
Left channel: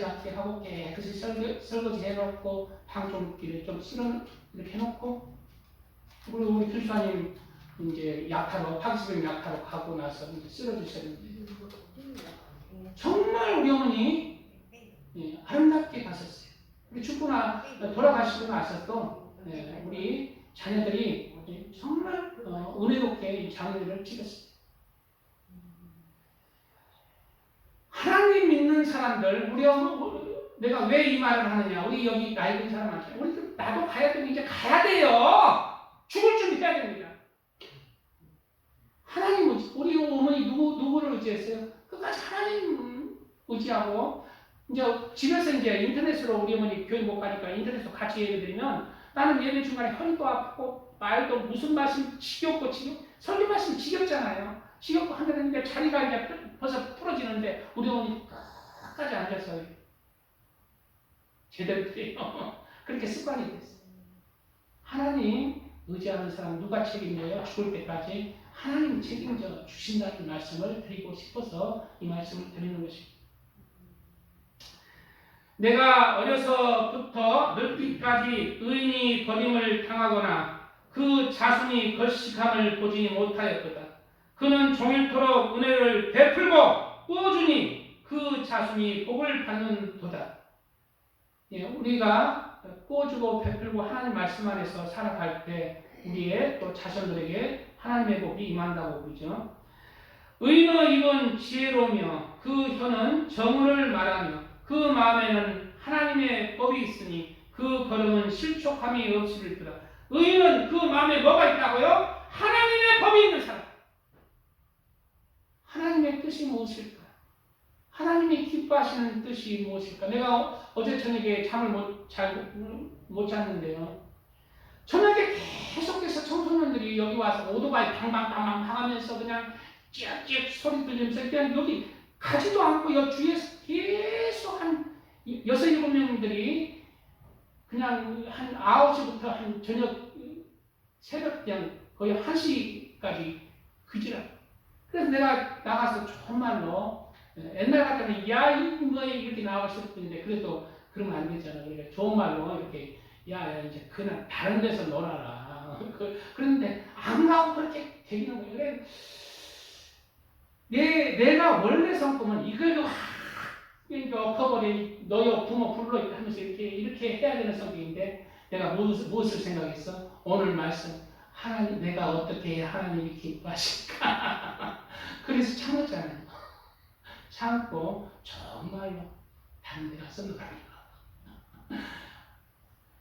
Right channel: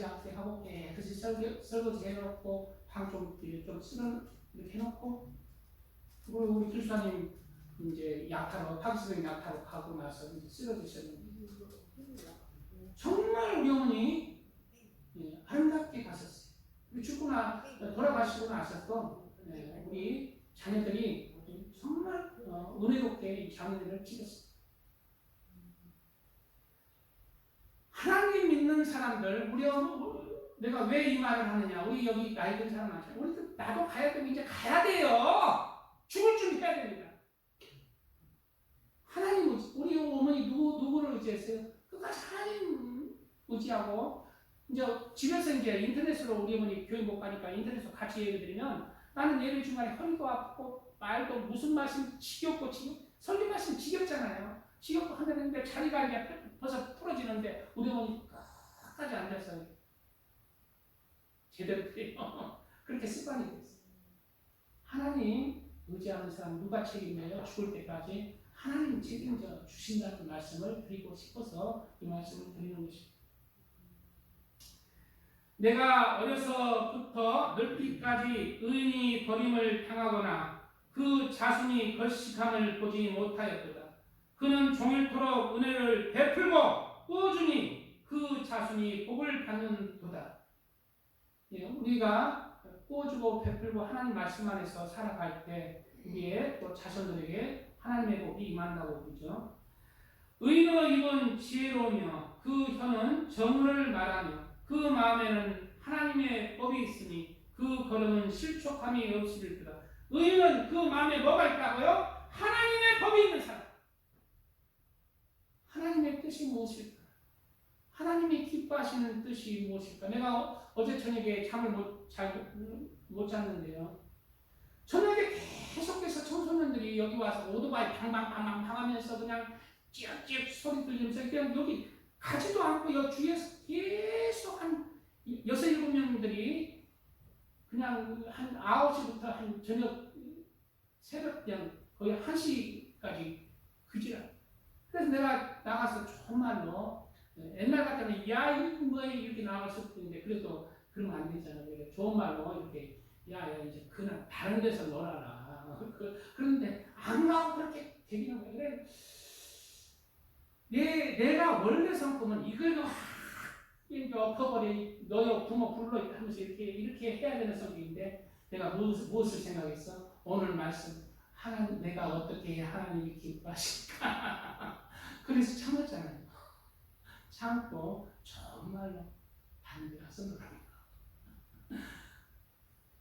할게 하고 깨끗이 설거지 해놓고 방종기를 좀 이렇게 해놓고 그리고 우리 필사님 이제 파기스병 약타로 가고 나서 이제 쓰러지셨는데 정말 우리 어머니 아름답게 가셨어요. 우리 돌아가시고 나서도 우리 자녀들이 정말 은혜롭게 장례를 치렀어요. 하나님 믿는 사람들, 내가 왜 이 말을 하느냐? 우리 여기 나이 든 사람 많잖아요. 우리 나도 가야 되면 이제 가야 돼요. 죽을 준비 해야 됩니다. 하나님 우리 어머니 누구를 의지했어요? 끝까지 하나님 의지하고 이제 집에서 이제 인터넷으로 우리 어머니 교회 못 가니까 인터넷으로 같이 예배 드리면 나는 예배 중간에 허리도 아프고 말도 무슨 말씀 지겹고 설교 말씀 지겹잖아요. 지겹고 하는데 자리가 이제 벌써 풀어지는데 우리 어머니 끝까지 앉아서 제대로 드려요. 그렇게 습관이 됐어요. 하나님 의지하는 사람 누가 책임져요? 죽을 때까지 하나님 책임져 주신다는 말씀을 드리고 싶어서 이 말씀을 드리는 것입니다. 내가 어려서부터 늙기까지 의인이 버림을 당하거나 그 자손이 걸식함을 보지 못하였도다. 그는 종일토록 은혜를 베풀고 꾸어주니 그 자손이 복을 받는도다. 우리가 꾸어주고 베풀고 하나님 말씀 안에서 살아갈 때 우리의 또 자손들에게 하나님의 복이 임한다고 보죠. 의인의 입은 지혜로우며 그 혀는 정의를 말하며 그 마음에는 하나님의 법이 있으니 그 걸음은 실족함이 없으리로다. 의인은 그 마음에 뭐가 있다고요? 하나님의 법이 있는 사람. 하나님의 뜻이 무엇일까? 하나님이 기뻐하시는 뜻이 무엇일까? 내가 어제 저녁에 잠을 못 잤는데요. 저녁에 계속해서 청소년들이 여기 와서 오토바이 방방방방 하면서 그냥 찌악찌악 소리 들리면서 그냥 여기 가지도 않고 여 주위에서 계속 한 6, 7명들이 그냥 한 9시부터 한 저녁 새벽 그냥 거의 1시까지 그지라. 그래서 내가 나가서 좋은 말로 옛날 같으면 야 이거에 이렇게 나왔을 텐데 그래도 그러면 안 되잖아. 그러니까 좋은 말로 이렇게 야 이제 그냥 다른 데서 놀아라. 그런데 안 가고 그렇게 되기는 거예요. 내가 원래 성품은 이걸로 엎어버리 너희 부모 불러 하면서 이렇게 해야 되는 성격인데 내가 무엇을 생각했어? 오늘 말씀 하나님 내가 어떻게 해야 하나님이 기뻐하실까? 그래서 참았잖아요. 참고 정말로 다른 데 가서 놀아라.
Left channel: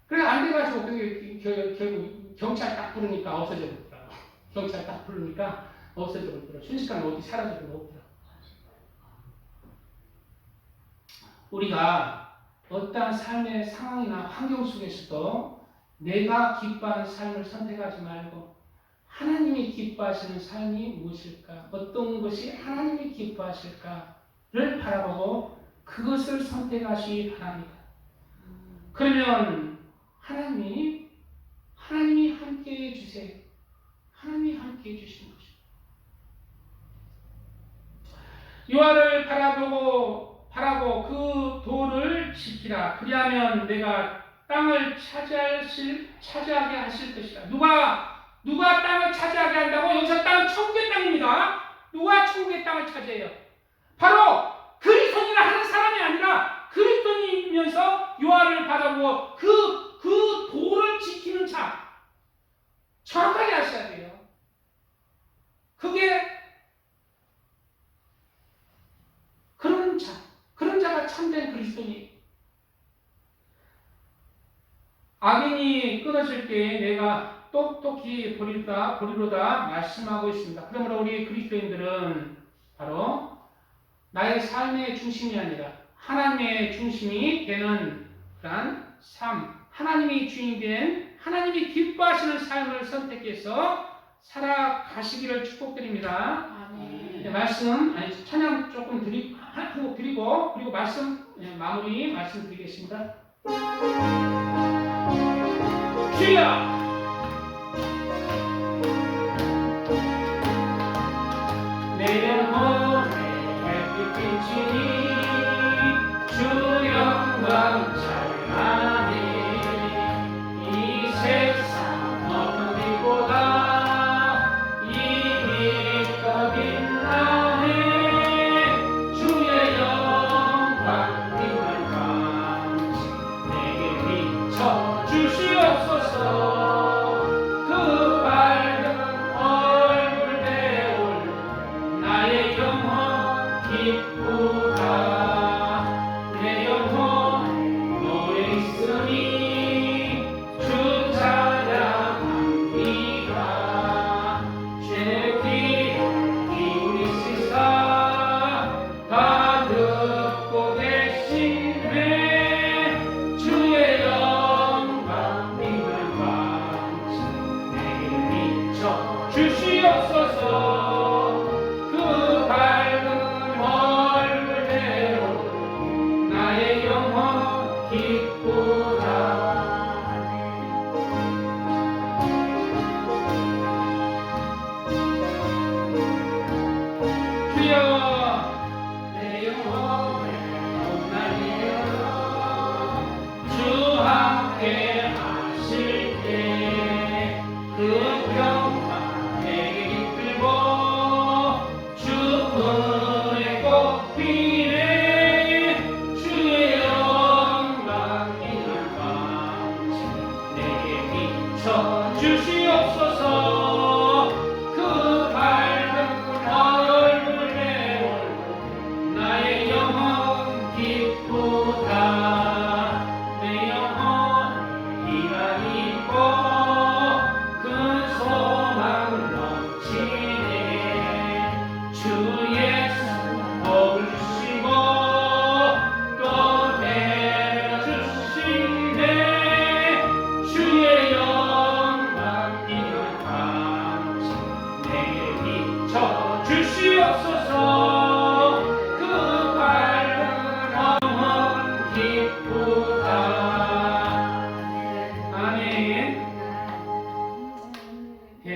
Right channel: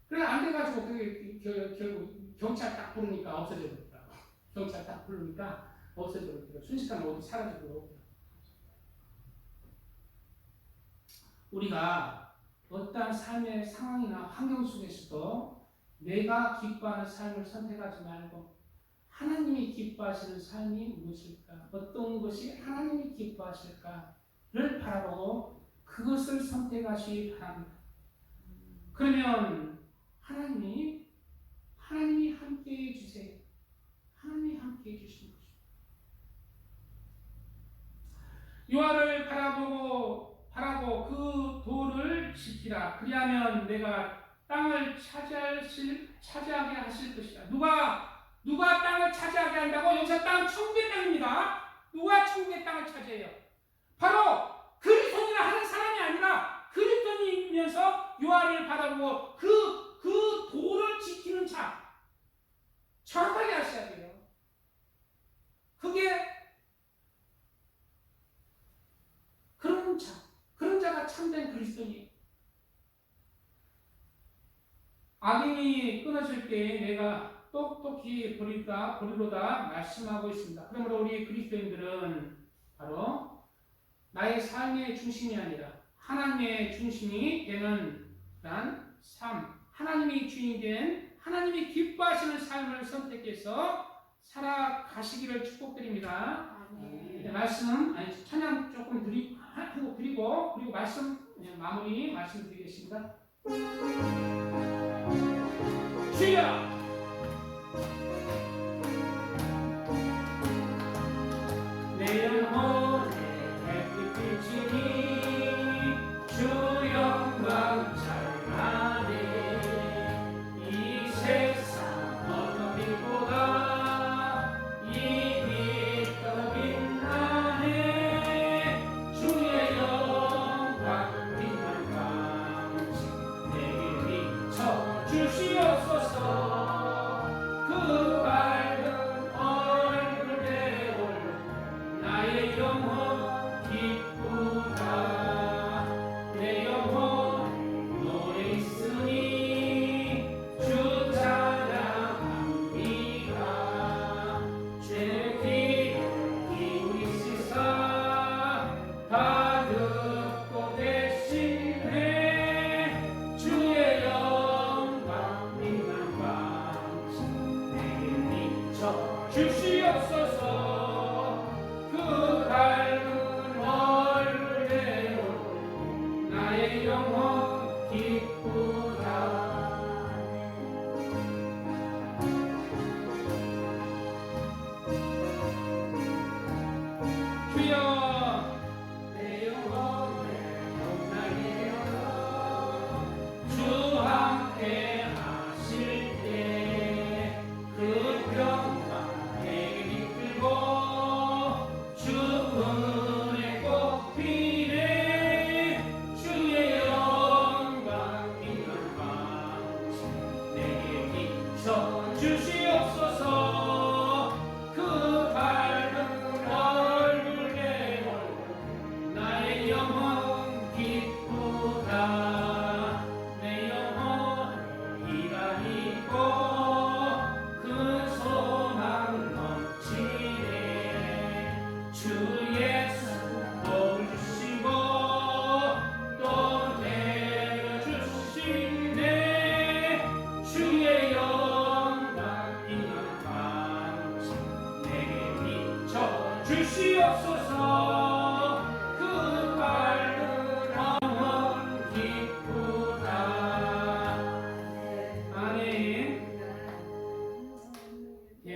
그래 안 돼가지고 그게 결국 경찰 딱 부르니까 없어져 버렸더라고. 경찰 딱 부르니까 없어져 버리더라. 순식간에 어디 사라져 버리더라. 우리가 어떠한 삶의 상황이나 환경 속에서도 내가 기뻐하는 삶을 선택하지 말고 하나님이 기뻐하시는 삶이 무엇일까? 어떤 것이 하나님이 기뻐하실까를 바라보고 그것을 선택하시기 바랍니다. 그러면 하나님이 함께해 주세요. 하나님이 함께해 주시는 것입니다. 여호와를 바라고 그 도를 지키라. 그리하면 내가 땅을 차지하게 하실 것이다. 누가 땅을 차지하게 한다고? 여기서 땅은 천국의 땅입니다. 누가 천국의 땅을 차지해요? 바로 그리스도인이라 하는 사람이 아니라 그리스도인이면서 여호와를 바라보고 그 도를 지키는 자. 정확하게 하셔야 돼요. 그게 그런 자가 참된 그리스도인이에요. 악인이 끊어질 때 내가 똑똑히 보리로다 말씀하고 있습니다. 그러므로 우리 그리스도인들은 바로 나의 삶의 중심이 아니라 하나님의 중심이 되는 그러한 삶, 하나님이 주인이 된 하나님이 기뻐하시는 삶을 선택해서 살아가시기를 축복드립니다. 네, 말씀 찬양 조금 드리고 그리고 마무리 말씀드리겠습니다. 주여! 내 영혼의 햇빛이 주 영광 찬란히 이 세상 어떤 빛보다 이미 더 빛나네. 주의 영광 빛날 광채 내게 비춰 주시옵소서. 그 밝은 얼굴 배울 나의 영혼 기쁘다. 내 영혼 노래 있으니 주 찬양합니다. 주의 귀를 기울이시사 다 듣고 계시네. 주의 영광 빛날 광채 내게 비춰 주시옵소서. 그 밝은 얼굴 배울 나의 영혼 기쁘다. 주여 내 영혼을 온전히 주 함께 하실 때 그 평강 내게 이끌고 주 은혜 꽃피네. 주의 영광 빛날 광채 내게 비춰 주시옵소서. 그 밝은 얼굴 배울 나의 영혼 기쁘다. 내 영혼 이라니고 그 소망을 넘치네. 주의 복을 주시고 또 내려주시네. 주의 영광 빛날 광채 내게 비춰 주시옵소서. 그 밝은 영혼 기쁘다. 아멘. 예,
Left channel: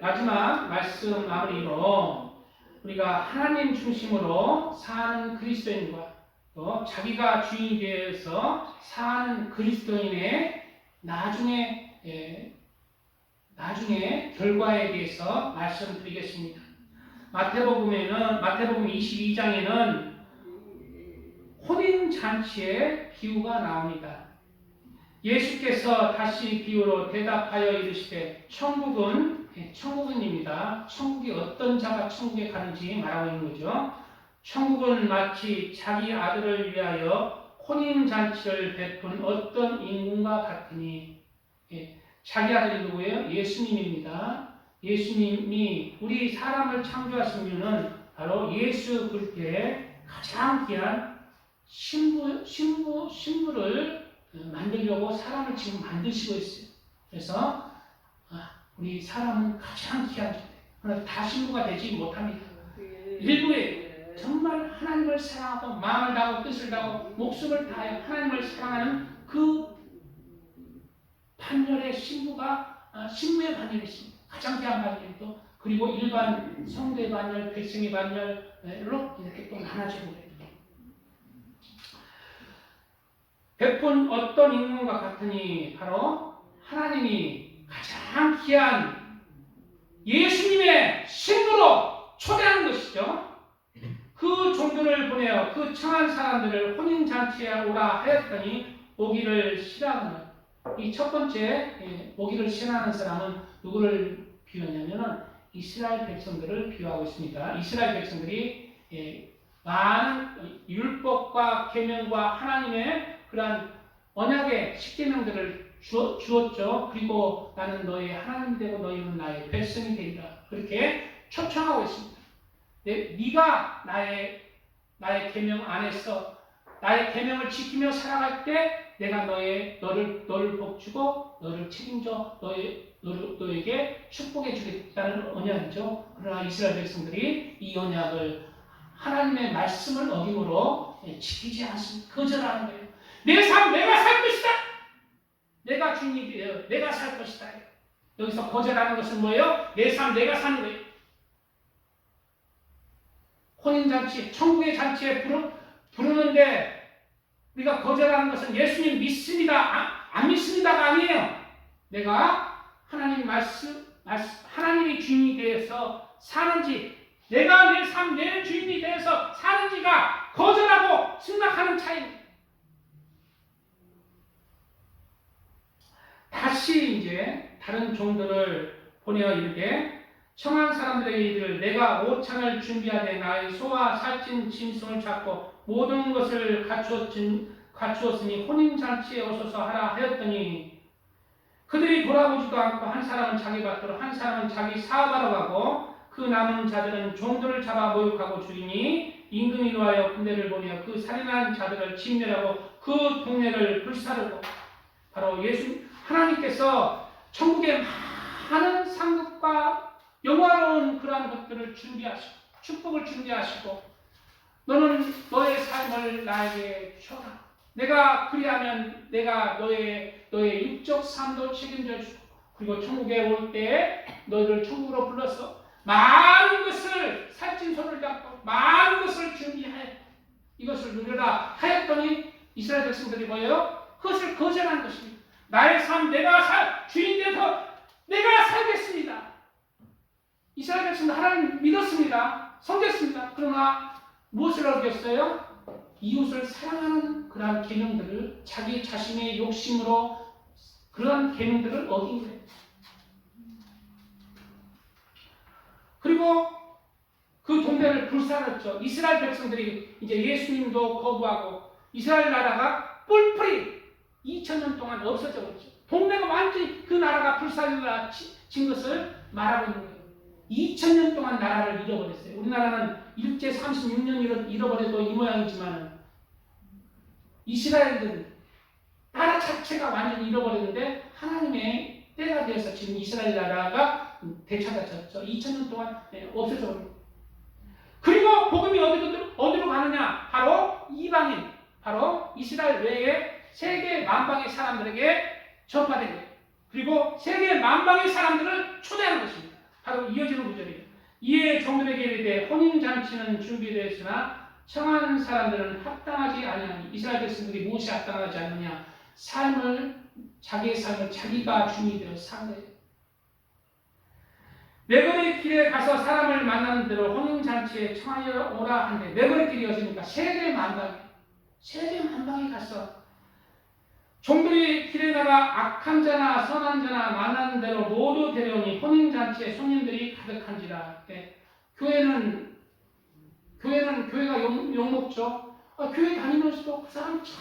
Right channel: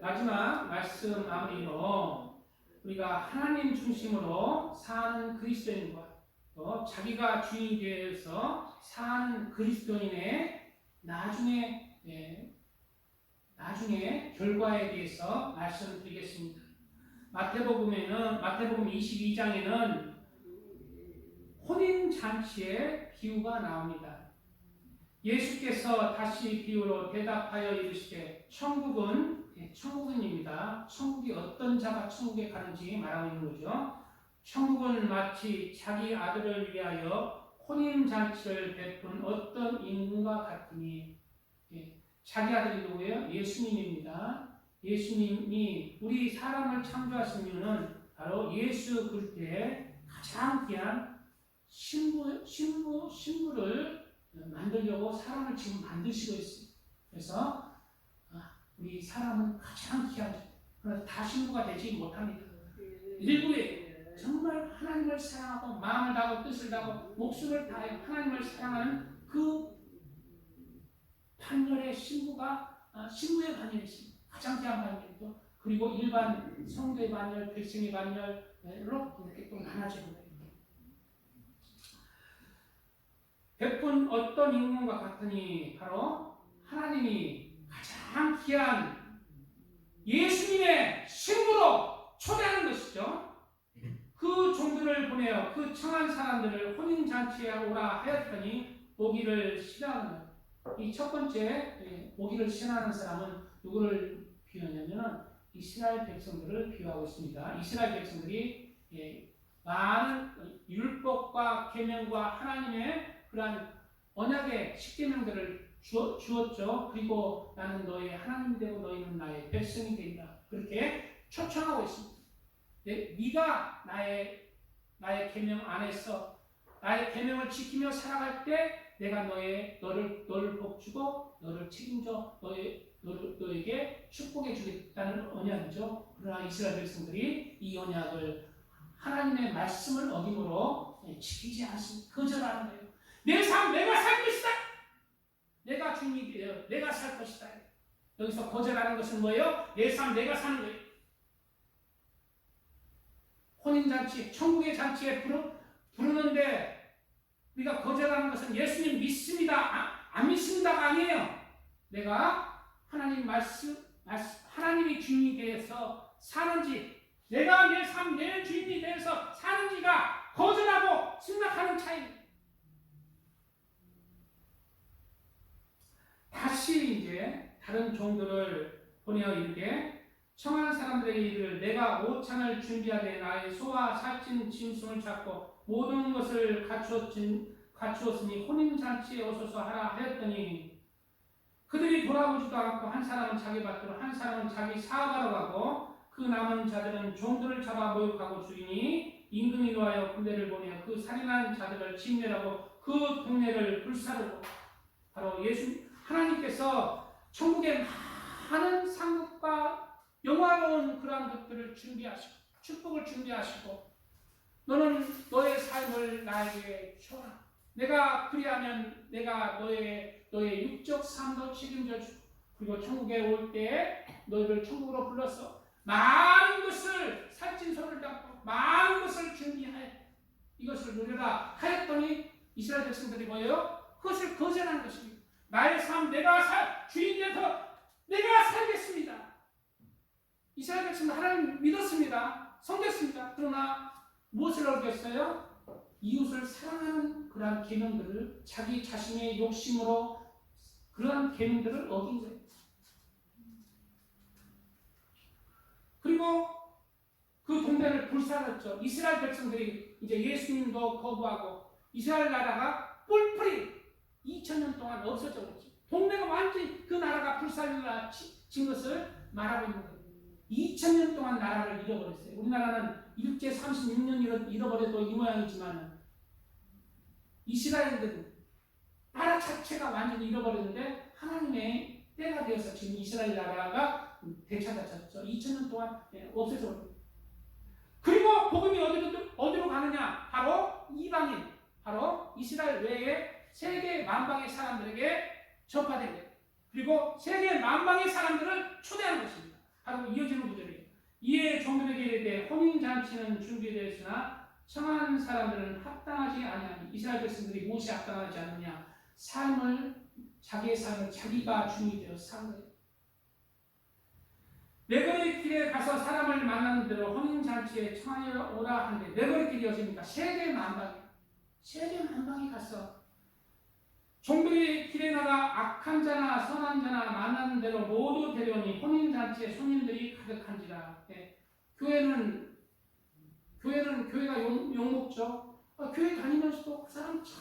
마지막 말씀 마무리로 우리가 하나님 중심으로 사는 그리스도인과 또 자기가 주인이 되어서 사는 그리스도인의 나중에 결과에 대해서 말씀드리겠습니다. 마태복음 22장에는 혼인잔치의 비유가 나옵니다. 예수께서 다시 비유로 대답하여 이르시되 천국은입니다. 천국이 어떤 자가 천국에 가는지 말하고 있는 거죠. 천국은 마치 자기 아들을 위하여 혼인잔치를 베푼 어떤 인군과 같으니, 자기 아들이 누구예요? 예수님입니다. 예수님이 우리 사람을 창조하신 이유는 바로 예수 그리스도의 가장 귀한 신부를 만들려고 사람을 지금 만드시고 있어요. 그래서 우리 사람은 가장 귀한 존재. 그러나 다 신부가 되지 못합니다. 일부에 정말 하나님을 사랑하고 마음을 다하고 뜻을 다하고 목숨을 다하여 하나님을 사랑하는 그 반열의 신부의 반열이 있습니다. 가장 귀한 반열도 그리고 일반 성도의 반열, 백성의 반열로 이렇게 또 나눠지고 있습니다. 백분 어떤 인문과 같으니 바로 하나님이 가장 귀한 예수님의 신부로 초대하는 것이죠. 그 종들을 보내어 그 청한 사람들을 혼인잔치에 오라 하였더니 오기를 싫어하는 이 첫 번째 오기를 싫어하는 사람은 누구를 비유하냐면 이스라엘 백성들을 비유하고 있습니다. 이스라엘 백성들이 많은 율법과 계명과 하나님의 그러한 언약의 십계명들을 주었죠. 그리고 나는 너의 하나님이 되고 너희는 나의 백성이 되리라. 그렇게 초청하고 있습니다. 네가 나의 계명 안에서 나의 계명을 지키며 살아갈 때 내가 너를 복주고 너를 책임져 너에게 축복해 주겠다는 언약이죠. 그러나 이스라엘 백성들이 이 언약을 하나님의 말씀을 어김으로 지키지 않습니다. 거절하는 거예요. 내 삶 내가 살 것이다. 내가 주인이 되어 내가 살 것이다. 여기서 거절하는 것은 뭐예요? 내 삶 내가 사는 거예요. 혼인잔치, 천국의 잔치에 부르는데 우리가 거절하는 것은 예수님 믿습니다. 안 믿습니다가 아니에요. 내가 하나님 하나님이 주인이 되어서 사는지, 내가 내 삶, 내 주인이 되어서 사는지가 거절하고 승낙하는 차이입니다. 다시 이제 다른 종들을 보내어 이르되 청한 사람들에게 이르기를 내가 오찬을 준비하되 나의 소와 살찐 짐승을 잡고 모든 것을 갖추었으니 혼인잔치에 오소서 하라 하였더니 그들이 돌아보지도 않고 한 사람은 자기 밭으로 한 사람은 자기 사업하러 가고 그 남은 자들은 종들을 잡아 모욕하고 주인이 임금이 노하여 군대를 보내어 그 살인한 자들을 진멸하고 그 동네를 불사르고 바로 하나님께서 천국의 많은 상급과 영화로운 그러한 것들을 준비하시고 축복을 준비하시고 너는 너의 삶을 나에게 줘라. 내가 그리하면 내가 너의 육적 삶도 책임져 주고 그리고 천국에 올 때 너희를 천국으로 불러서 많은 것을 살찐 소를 잡고 많은 것을 준비하여 이것을 누려라 하였더니 이스라엘 백성들이 뭐예요? 그것을 거절한 것입니다. 나의 삶 내가 주인 되어서 내가 살겠습니다. 이스라엘 백성들 하나님 믿었습니다. 섬겼습니다. 그러나 무엇을 어겼어요? 이웃을 사랑하는 그러한 계명들을 자기 자신의 욕심으로 그러한 계명들을 어긴 거예요. 그리고 그 동네를 불살랐죠. 이스라엘 백성들이 이제 예수님도 거부하고 이스라엘 나라가 뿔뿔이 2000년 동안 없어져 버렸죠. 동네가 완전히 그 나라가 불살라진 것을 말하고 있는 거예요. 2000년 동안 나라를 잃어버렸어요. 우리나라는 일제 36년 잃어버려도 이 모양이지만 이스라엘은 나라 자체가 완전히 잃어버렸는데 하나님의 때가 되어서 지금 이스라엘 나라가 되찾아졌죠. 2000년 동안 없어져 버립니다. 그리고 복음이 어디로 가느냐? 바로 이방인, 바로 이스라엘 외에 세계 만방의 사람들에게 전파된 거예요. 그리고 세계 만방의 사람들을 초대하는 것입니다. 바로 이어지는 구절이에요. 이에 종들에게 이르되 혼인잔치는 준비되었으나 청한 사람들은 합당하지 아니하니 이스라엘 백성들이 무엇이 합당하지 않느냐? 자기의 삶을 자기가 주인이 되어 산 거예요. 내거리 길에 가서 사람을 만나는 대로 혼인잔치에 청하여 오라 한데 내거리 길이 어디니까 세계 만방에 가서 종들이 길에 나가 악한 자나 선한 자나 만나는 대로 모두 데려오니 혼인잔치에 손님들이 가득한지라. 교회가 욕먹죠. 교회 다니면서도 그 사람 참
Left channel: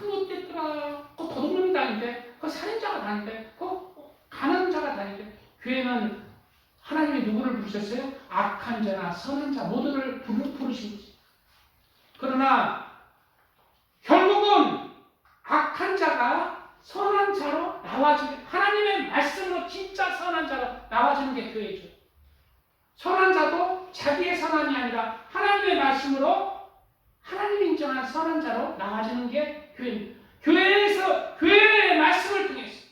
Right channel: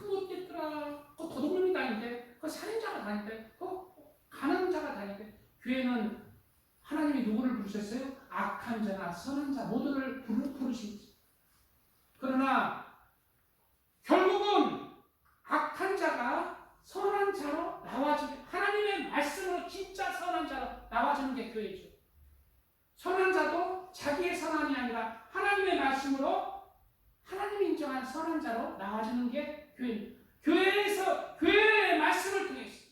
못됐더라. 그 도둑놈이 다니는데, 그 살인자가 다니는데, 그 가난자가 다니는데, 교회는 하나님이 누구를 부르셨어요? 악한 자나 선한 자 모두를 부르신 거죠. 그러나 결국은 악한 자가 선한 자로 나와주는, 하나님의 말씀으로 진짜 선한 자로 나와주는 게 교회죠. 선한 자도 자기의 선함이 아니라 하나님의 말씀으로 하나님이 인정한 선한 자로 나와주는 게 교회입니다. 교회에서 교회의 말씀을 통해서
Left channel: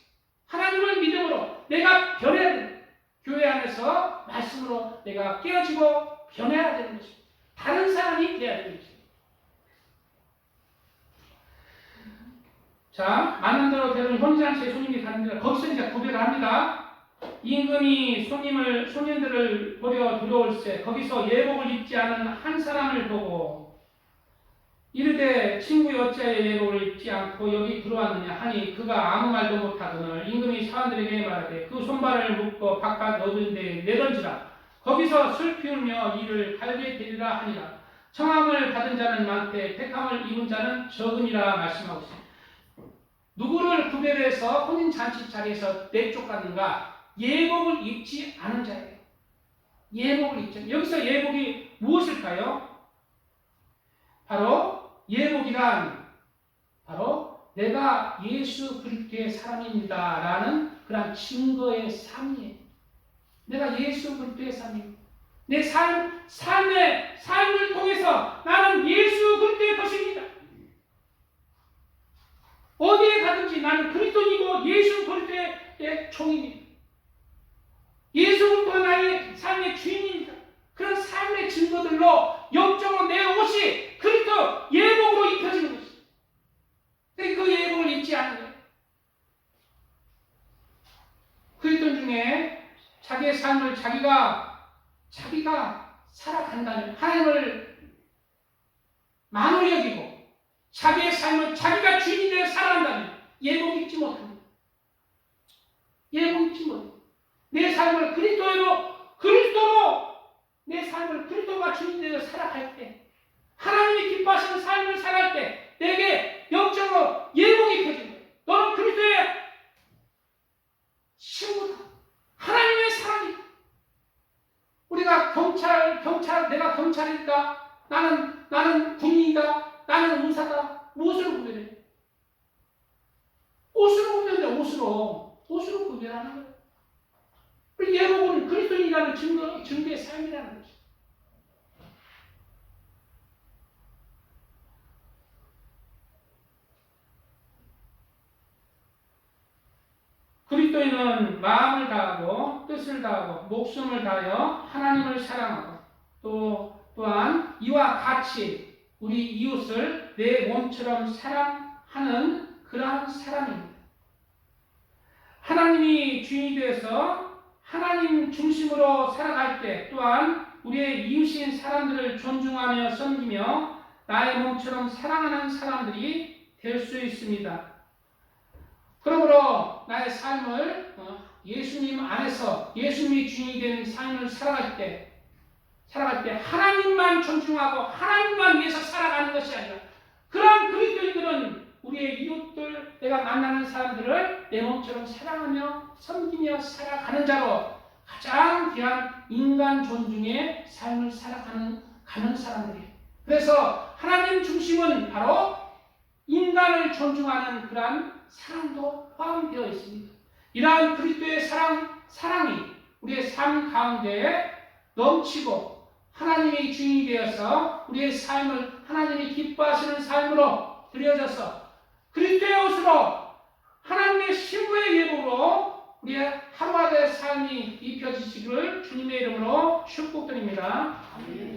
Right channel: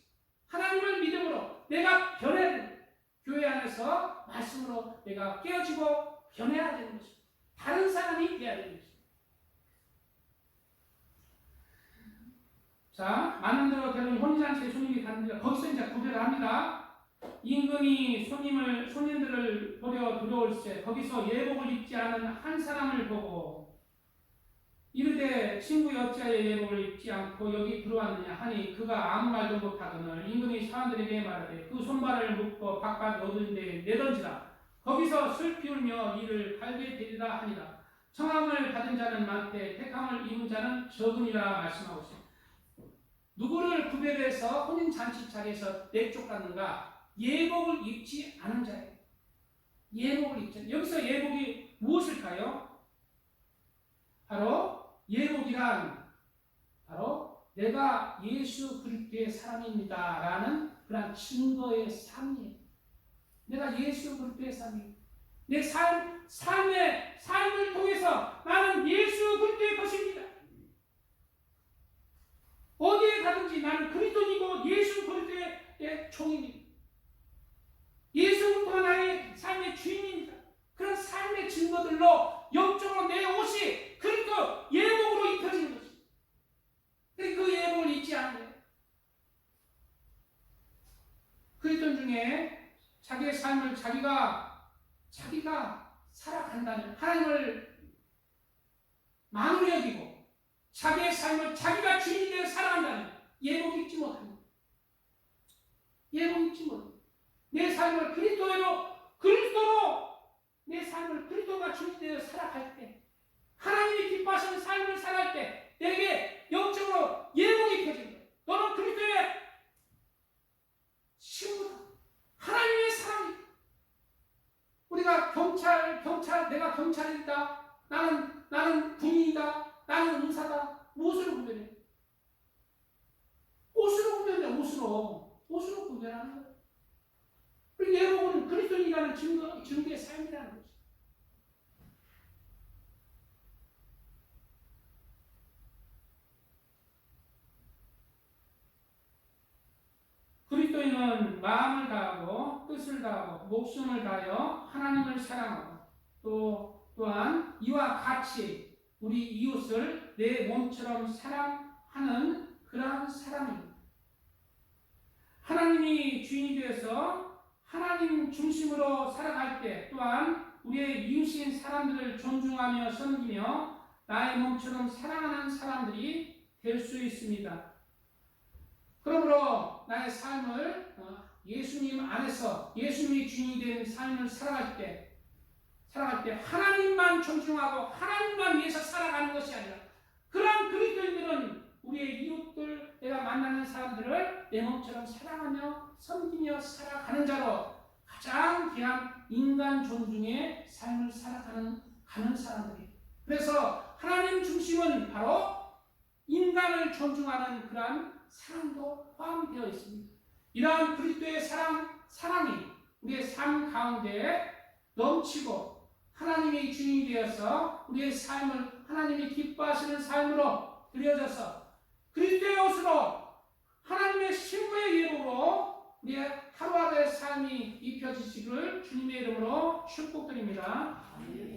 하나님을 믿음으로 내가 변해야 됩니다. 교회 안에서 말씀으로 내가 깨어지고 변해야 되는 것입니다. 다른 사람이 되어야 되는 것입니다. 자, 만난 대로 되는 혼인잔치에 손님이 가는데 거기서 이제 구별을 합니다. 임금이 손님들을 보려 들어올세 거기서 예복을 입지 않은 한 사람을 보고 이르되 친구 어찌하여 예복을 입지 않고 여기 들어왔느냐 하니 그가 아무 말도 못하거늘 임금이 사람들에게 말하되 그 손발을 묶고 바깥 넓은 데에 내던지라 거기서 슬피 울며 이를 갈게 되리라 하니라. 청함을 받은 자는 많되 택함을 입은 자는 적으니라 말씀하고 있습니다. 누구를 구별해서 혼인잔치 자리에서 내쫓았는가? 예복을 입지 않은 자예요. 예복을 입지. 여기서 예복이 무엇일까요? 바로 예복이란 바로 내가 예수 그리스도의 사람입니다 라는 그런 증거의 삶이에요. 내가 예수 그리스도의 삶입니다. 내 삶을 통해서 나는 예수 그리스도의 것입니다. 어디에 가든지 나는 그리스도이고 예수 그리스도의 종입니다. 예수 그리스도가 나의 삶의 주인입니다. 그런 삶의 증거들로 영적으로 내 옷이 그리스도 예복으로 입혀지는 것입니다. 그 예복을 입지 않는 거예요. 그리스도 중에 자기의 삶을 자기가 살아간다면 하나님을 만홀히 여기고 자기의 삶을 자기가 주인이 되어 살아간다면 예복 입지 못합니다. 예복 입지 못합니다. 내 삶을 그리스도로 내 삶을 그리스도가 주인 되어 살아갈 때 하나님이 기뻐하시는 삶을 살아갈 때 내게 영적으로 예복이 펴진 거예요. 너는 그리스도의 친구다. 하나님의 사람이다. 우리가 내가 경찰이다. 나는 군인이다. 나는 의사다. 무엇으로 구별해? 옷으로 구별해. 옷으로 구별하는 거예요. 예복은 그리스도인이라는 증거의 삶이라는 거죠. 그리스도인은 마음을 다하고 뜻을 다하고 목숨을 다하여 하나님을 사랑하고 또한 이와 같이 우리 이웃을 내 몸처럼 사랑하는 그러한 사람입니다. 하나님이 주인이 되어서 하나님 중심으로 살아갈 때 또한 우리의 이웃인 사람들을 존중하며 섬기며 나의 몸처럼 사랑하는 사람들이 될 수 있습니다. 그러므로 나의 삶을 예수님 안에서 예수님이 주인이 되는 삶을 살아갈 때 하나님만 존중하고 하나님만 위해서 살아가는 것이 아니라 그러한 그리스도인들은 우리의 이웃들, 내가 만나는 사람들을 내 몸처럼 사랑하며 섬기며 살아가는 자로 가장 귀한 인간 존중의 삶을 살아가는 사람들이에요. 그래서 하나님 중심은 바로 인간을 존중하는 그러한 사랑도 포함되어 있습니다. 이러한 그리스도의 사랑이 우리의 삶 가운데 넘치고 하나님의 주인이 되어서 우리의 삶을 하나님이 기뻐하시는 삶으로 드려져서 그리스도의 옷으로 하나님의 신부의 예복으로 우리의 하루하루의 삶이 입혀지시기를 주님의 이름으로 축복드립니다.